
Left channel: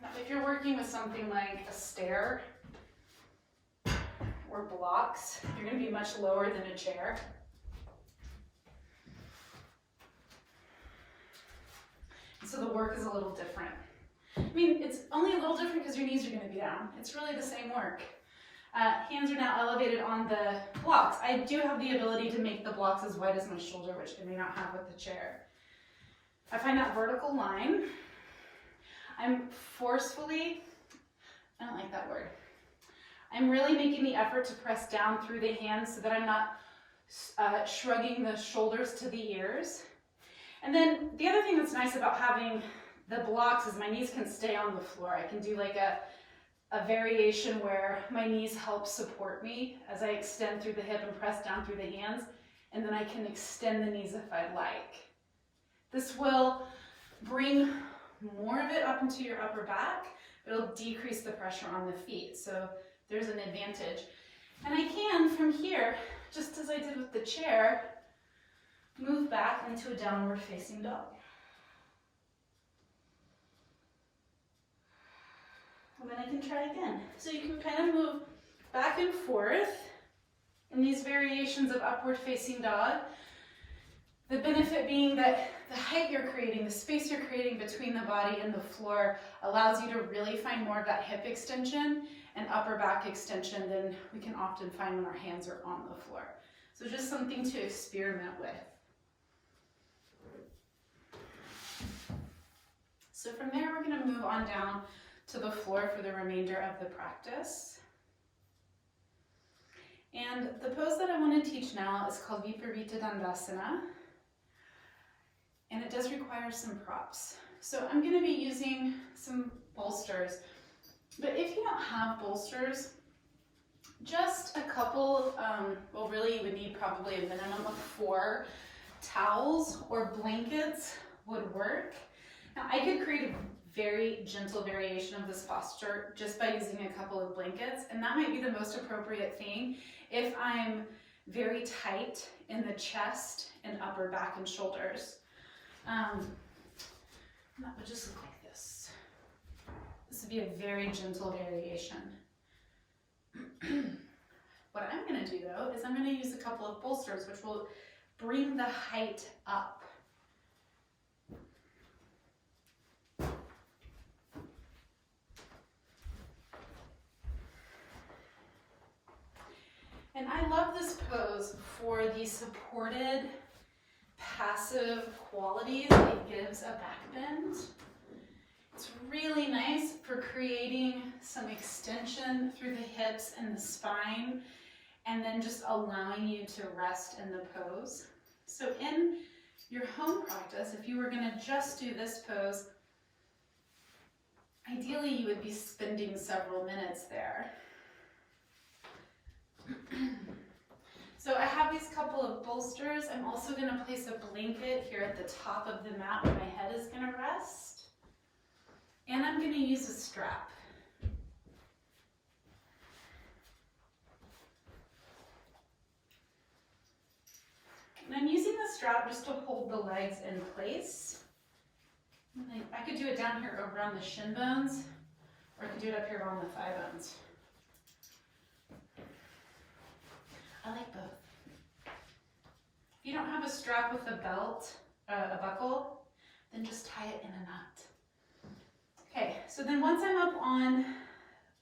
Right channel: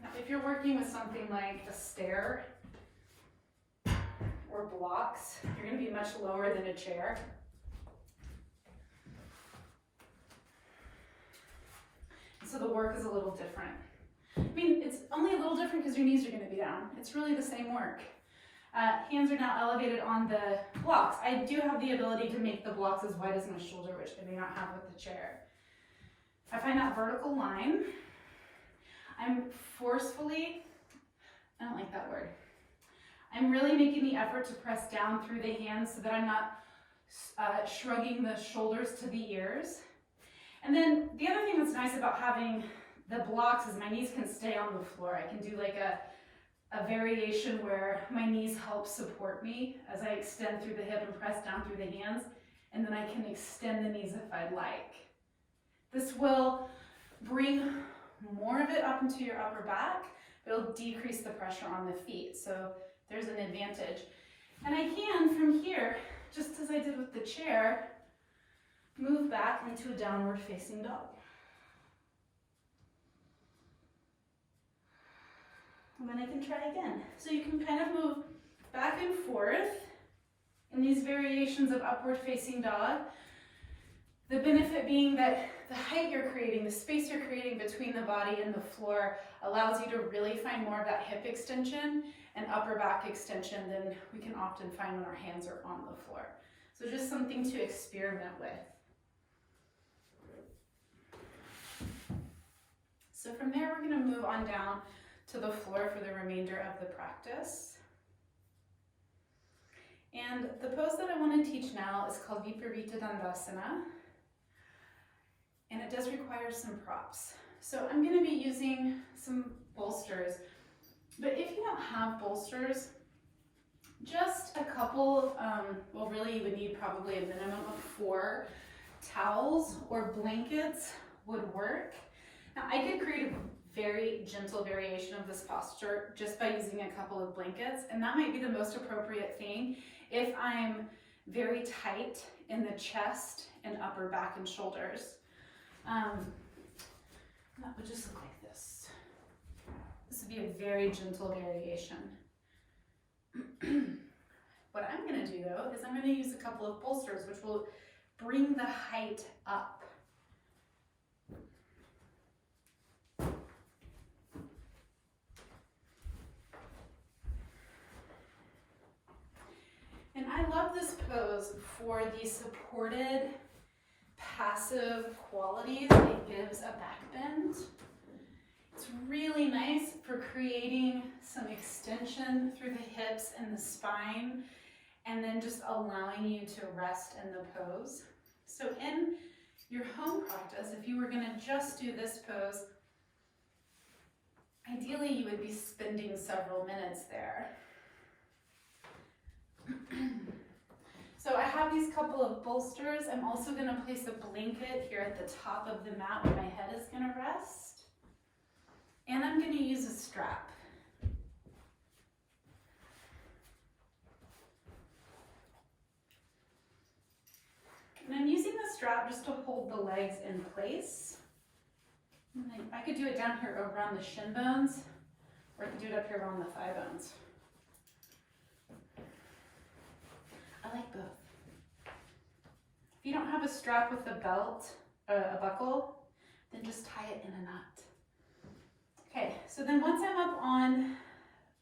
Now, if you're working with something like a stair or blocks, you're going to be much lower than a chair. So the work is a little different. I mean, it's only a little different because your knees are going to be down. It's really the same work. Hands are now elevated on the blocks. I do have the ability to make the blocks as wide as my shoulder, which I may not have with the chair. I find that vertical line. I'm forcefully, I don't like that word. I'm really making the effort to press down through the hands so that I'm not shrugging the shoulders to the ears. And then the other thing that's nice about having the blocks is my knees can stay on the floor. I can do like a variation where my knees help support me as I extend through the hip and press down through the hands, and then I can extend the knees if I'd like. This will bring more of it up into your upper back, but it'll decrease the pressure on the feet. So there's an advantage. And I can, from here, just as I did with the chair, move back into a downward facing dog. And then I can try again. So you can kind of move back and forth in these variations of upward facing dog. The benefit being that the height you're creating, the space you're creating between the body and the floor allows you to really find more of that hip extension and upper back extension than we can often find when our hands are on the floor. So just something to experiment with. So from there, we're going to move on down to the floor for the remainder of the practice. And the pose that I want to teach now is called Viparita Dandasana. and it does require some props. So I'm going to be using some bolsters, but if you don't have bolsters, just a couple, well really you would need probably a minimum of 4 towels or blankets would work. Now I could create a very gentle variation of this posture just by using a couple of blankets, and that might be the most appropriate thing if I'm very tight in the chest and upper back and shoulders. That would just look like this. This would be a very gentle variation. What I'm going to do though is I'm going to use a couple of bolsters which will bring the height up. And I love this pose for the supported passive qualities it gives a back bend. It's really nice for creating some extension through the hips and the spine, and then just allowing you to rest in the pose. So in your home practice, if you were going to just do this pose, ideally you would be spending several minutes there. So I have these couple of bolsters. I'm also going to place a blanket here at the top of the mat where my head is going to rest. And I'm going to use a strap. And I'm using the strap just to hold the legs in place. And I could do it down here around the shin bones, or I could do it up here around the thigh bones. I like both. If you don't have a strap with a belt, a buckle, then just tie it in a knot. Okay, so then once I'm up on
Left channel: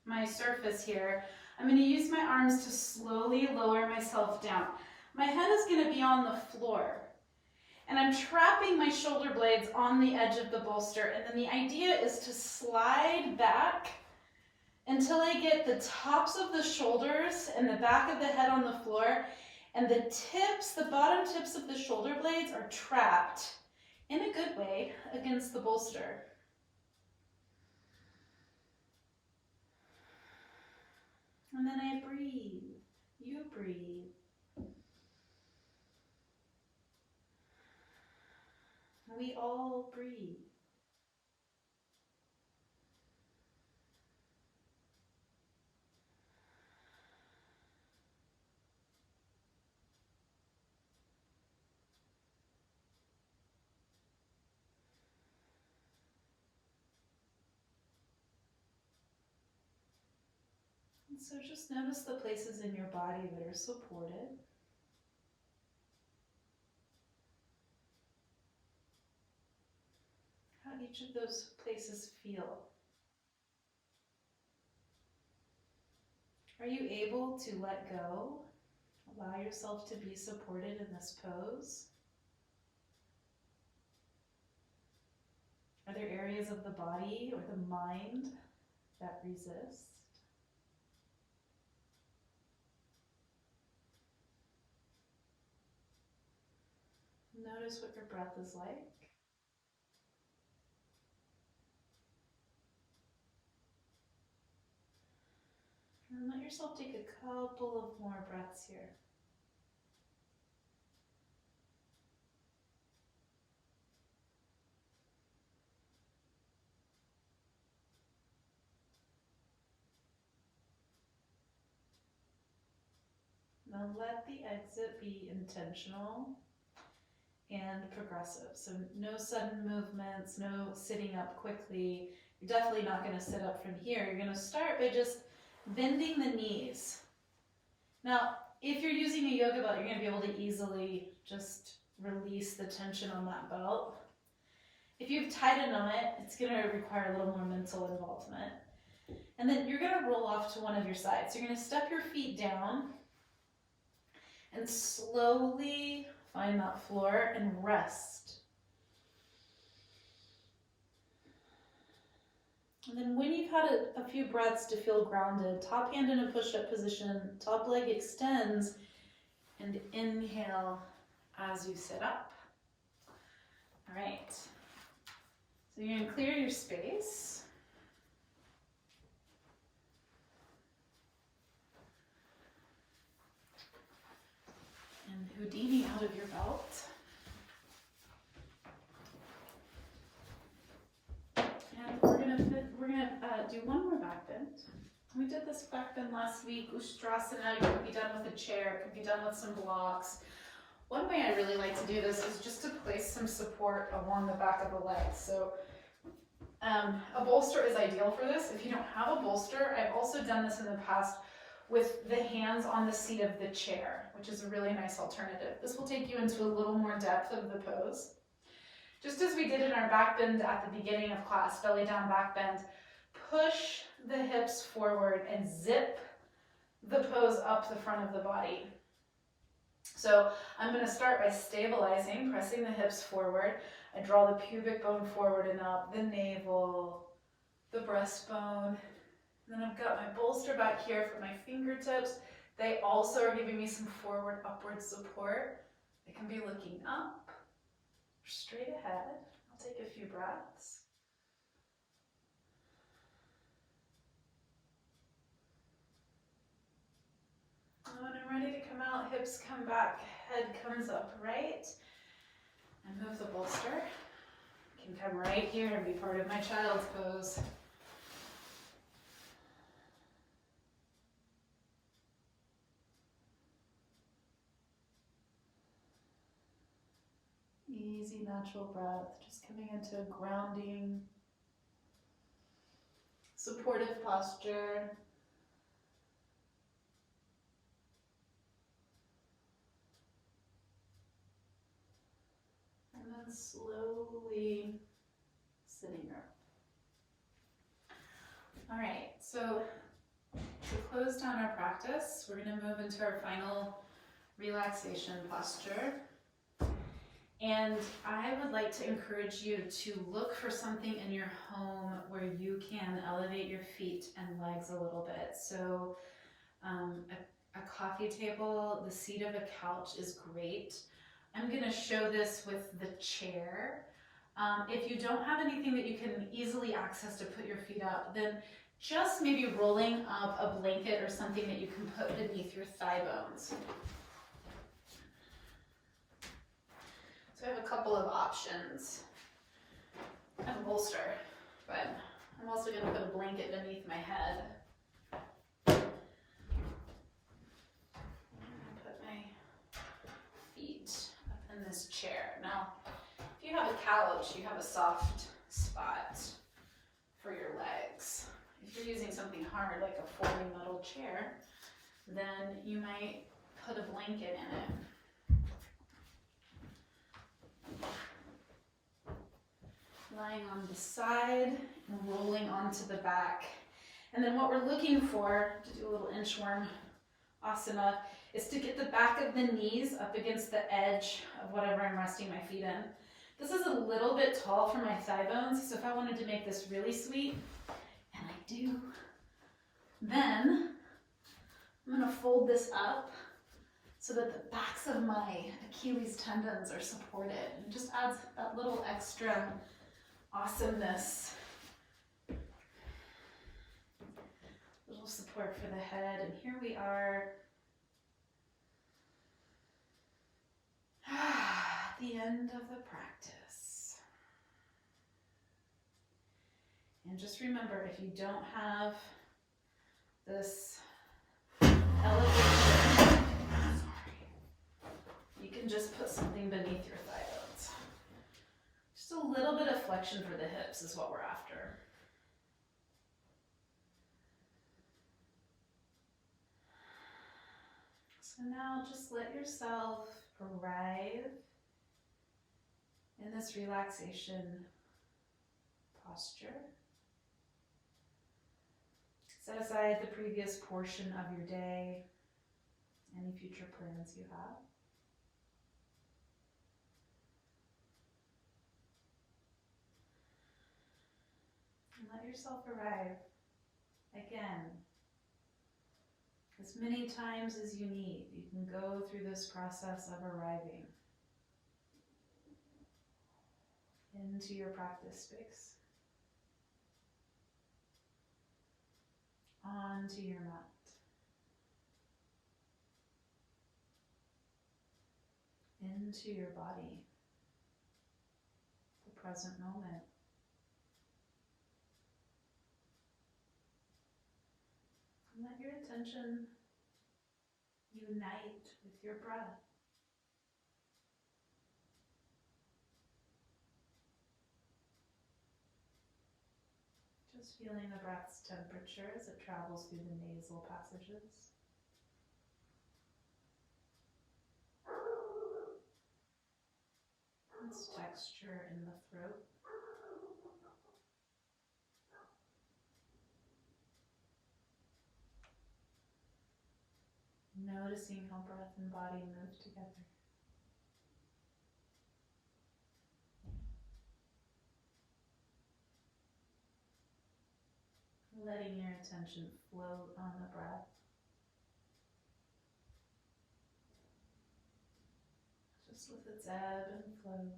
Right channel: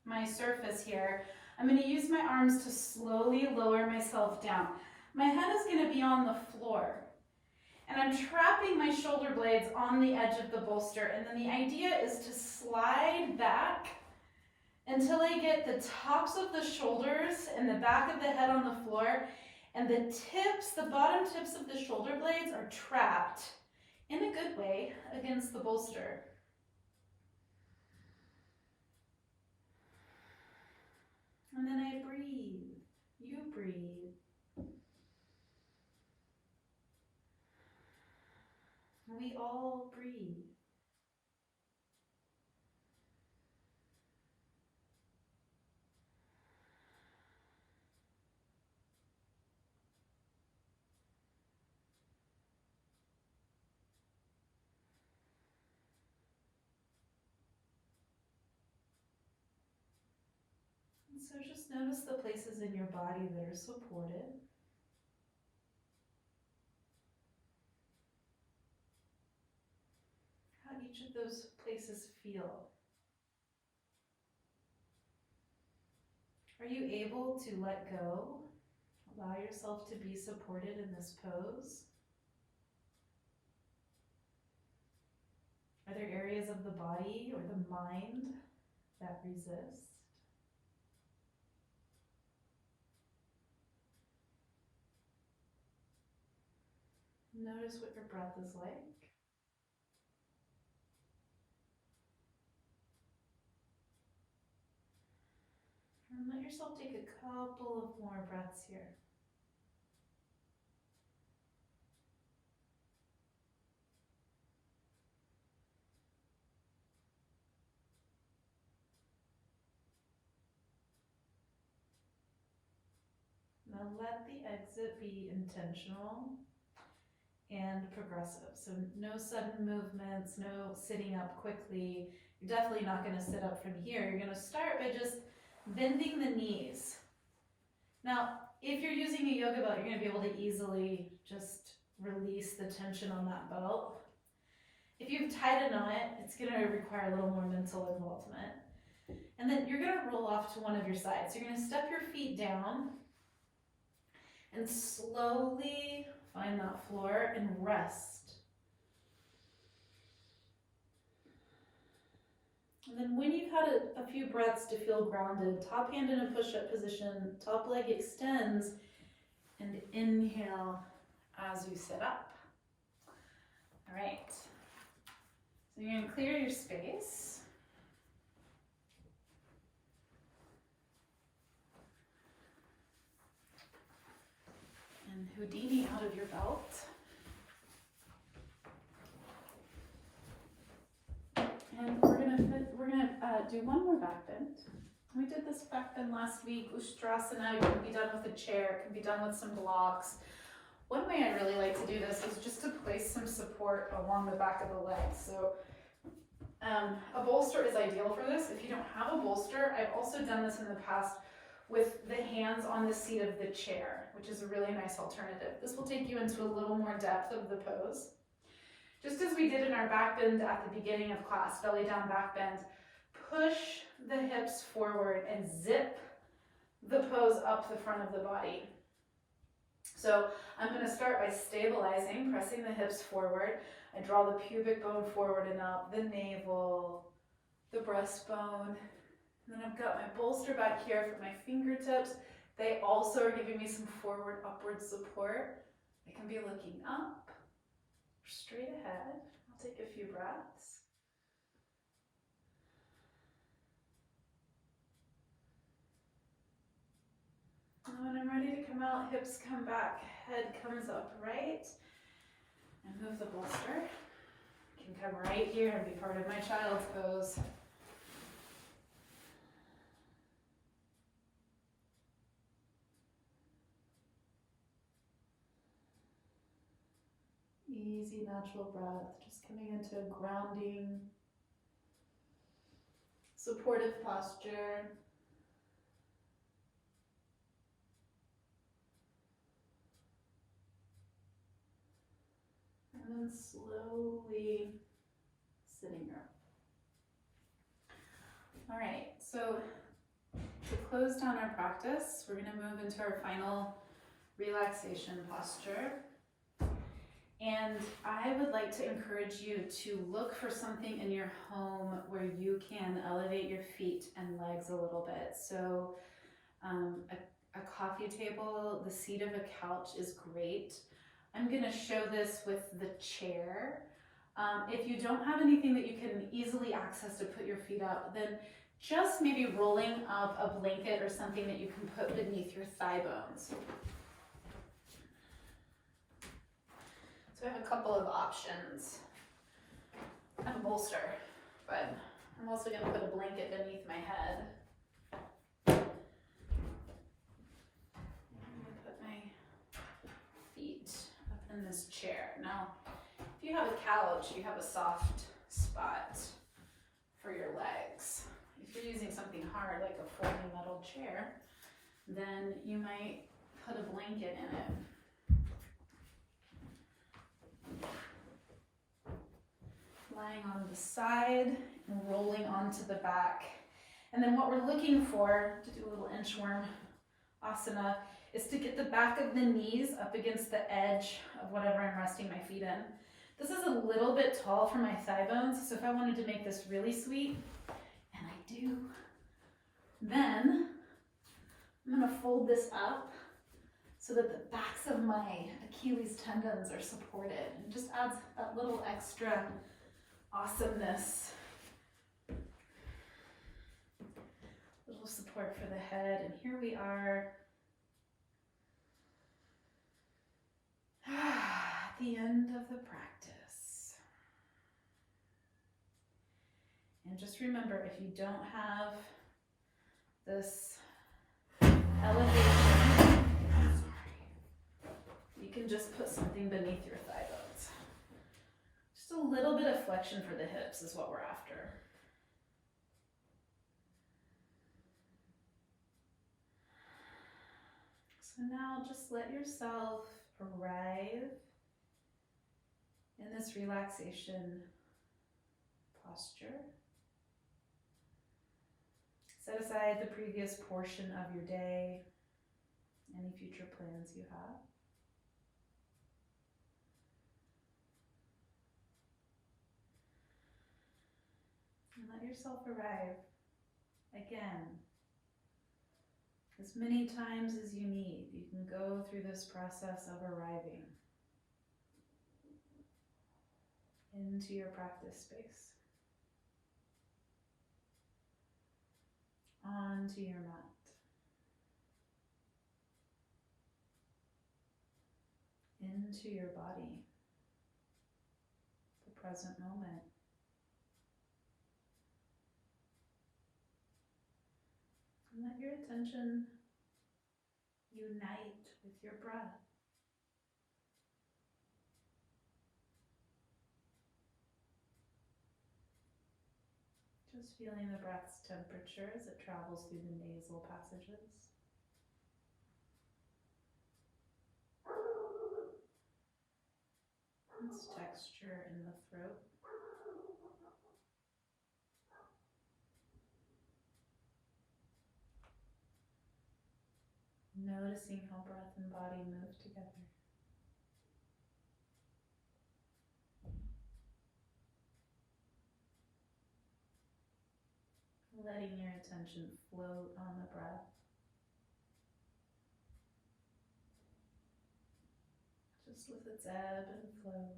my surface here, I'm going to use my arms to slowly lower myself down. My head is going to be on the floor, and I'm trapping my shoulder blades on the edge of the bolster, and then the idea is to slide back until I get the tops of the shoulders and the back of the head on the floor, and the tips, the bottom tips of the shoulder blades are trapped in a good way against the bolster. And then I breathe, you breathe. We all breathe. And so just notice the places in your body that are supported. How each of those places feel. Are you able to let go? Allow yourself to be supported in this pose. Are there areas of the body or the mind that resist? Notice what your breath is like. And let yourself take a couple of more breaths here. Now let the exit be intentional and progressive. So no sudden movements, no sitting up quickly. You're definitely not going to sit up from here. You're going to start by just bending the knees. Now, if you're using a yoga belt, you're going to be able to easily just release the tension on that belt. If you've tied a knot, it's going to require a little more mental involvement. And then you're going to roll off to one of your sides. So you're going to step your feet down and slowly find that floor and rest. And then when you've had a few breaths to feel grounded, top hand in a push-up position, top leg extends, and inhale as you sit up. All right, so you're gonna clear your space. And Houdini out of your belt. And we're gonna do one more back bend. We did this back bend last week, Ustrasana. You can be done with a chair, it can be done with some blocks. One way I really like to do this is just to place some support along the back of the legs. So a bolster is ideal for this. If you don't have a bolster, I've also done this in the past with the hands on the seat of the chair, which is a really nice alternative. This will take you into a little more depth of the pose. Just as we did in our back bend at the beginning of class, belly down back bend, push the hips forward and zip the pose up the front of the body. So I'm going to start by stabilizing, pressing the hips forward. I draw the pubic bone forward and up, the navel, the breastbone. And then I've got my bolster back here for my fingertips. They also are giving me some forward, upward support. I can be looking up, straight ahead. I'll take a few breaths. And when I'm ready to come out, hips come back, head comes up, right? And move the bolster. Can come right here and be part of my child's pose. Easy, natural breath, just coming into a grounding, supportive posture. And then slowly sitting up. All right, so to close down our practice, we're going to move into our final relaxation posture. And I would like to encourage you to look for something in your home where you can elevate your feet and legs a little bit. So a coffee table, the seat of a couch is great. I'm going to show this with the chair. If you don't have anything that you can easily access to put your feet up, then just maybe rolling up a blanket or something that you can put beneath your thigh bones. So I have a couple of options. I have a bolster, but I'm also going to put a blanket beneath my head. I'm going to put my feet up in this chair. Now, if you have a couch, you have a soft spot for your legs. If you're using something hard like a folding metal chair, then you might put a blanket in it. Lying on the side and rolling onto the back. And then what we're looking for, to do a little inchworm asana, is to get the back of the knees up against the edge of whatever I'm resting my feet in. This is a little bit tall for my thigh bones, so if I wanted to make this really sweet, and I do, then I'm going to fold this up so that the backs of my Achilles tendons are supported. It just adds that little extra awesomeness. Little support for the head, and here we are. At the end of the practice. And just remember, if you don't have this elevation, you can just put something beneath your thigh bones. Just a little bit of flexion for the hips is what we're after. So now just let yourself arrive in this relaxation posture. Set aside the previous portion of your day, any future plans you have. And let yourself arrive again. As many times as you need, you can go through this process of arriving. into your practice space, onto your mat. Into your body, the present moment. And let your attention unite with your breath. Just feeling the breath's temperature as it travels through the nasal passages. Its texture in the throat. Noticing how breath and body move together. Letting your attention float on the breath. Just with its ebb and flow.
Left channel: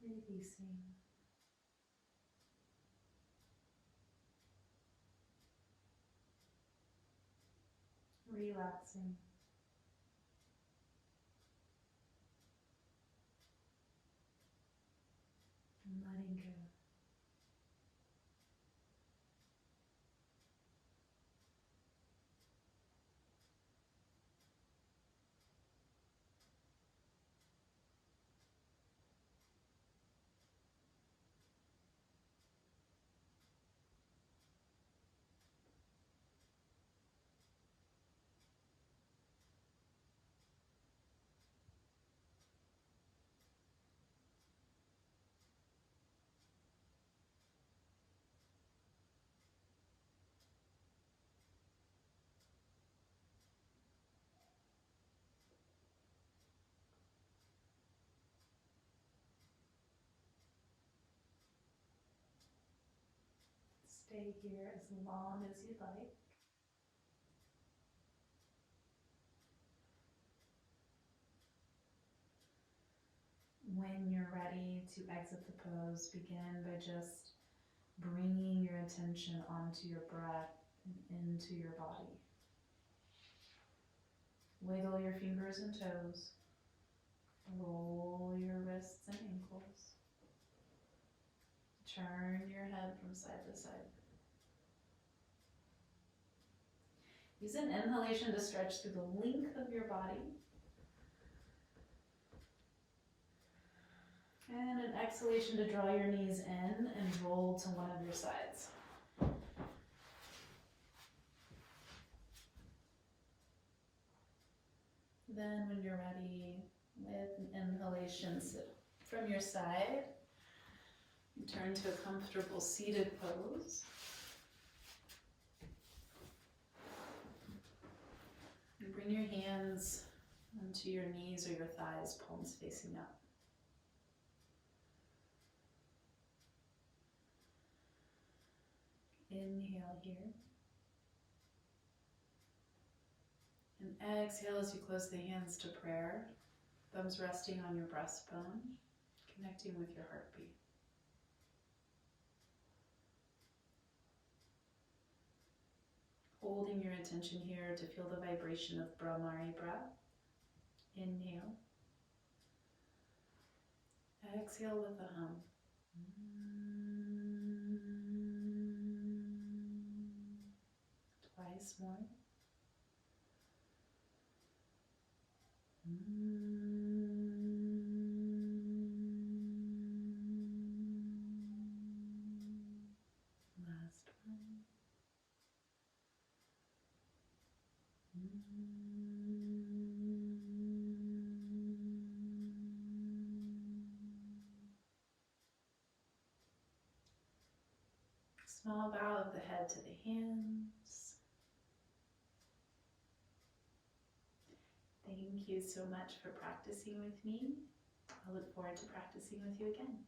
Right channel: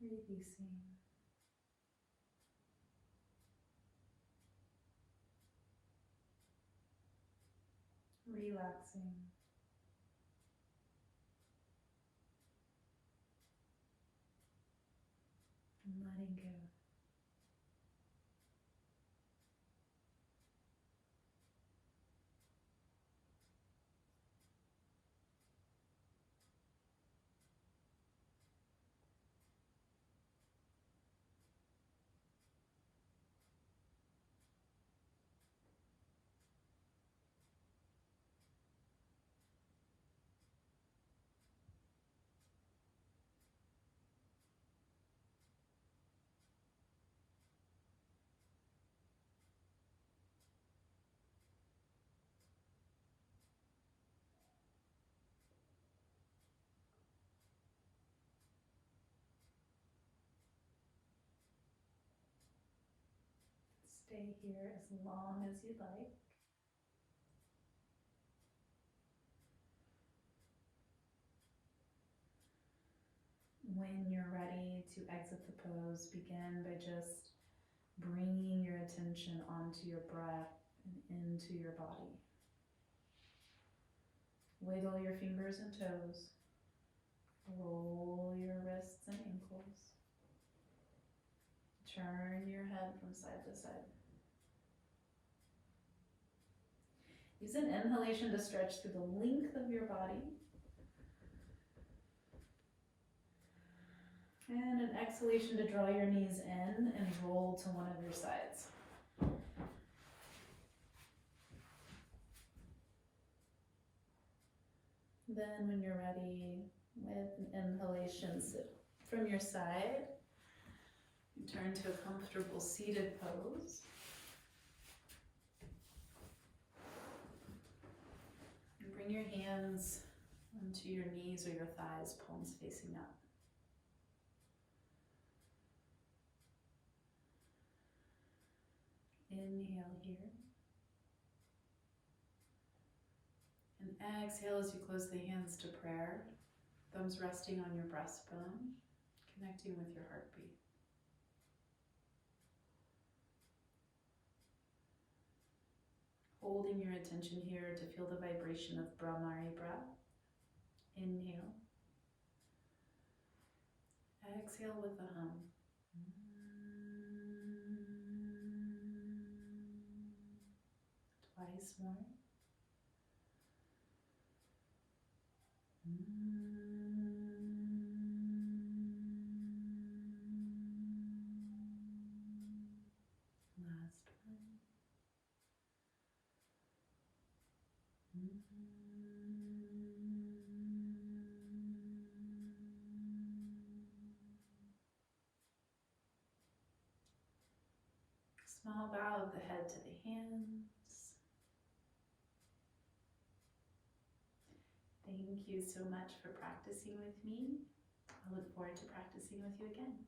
Releasing. Relaxing. And letting go. Stay here as long as you'd like. When you're ready to exit the pose, begin by just bringing your attention onto your breath and into your body. Wiggle your fingers and toes. Roll your wrists and ankles. Turn your head from side to side. Use an inhalation to stretch through the length of your body. And an exhalation to draw your knees in and roll to one of your sides. Then when you're ready, with an inhalation, sit from your side. You turn to a comfortable seated pose. And bring your hands onto your knees or your thighs, palms facing up. Inhale here. And exhale as you close the hands to prayer. Thumbs resting on your breastbone, connecting with your heartbeat. Holding your attention here to feel the vibration of Brahmari breath. Inhale. Exhale with a hum. Twice more. Last one. Small bow of the head to the hands. Thank you so much for practicing with me. I look forward to practicing with you again.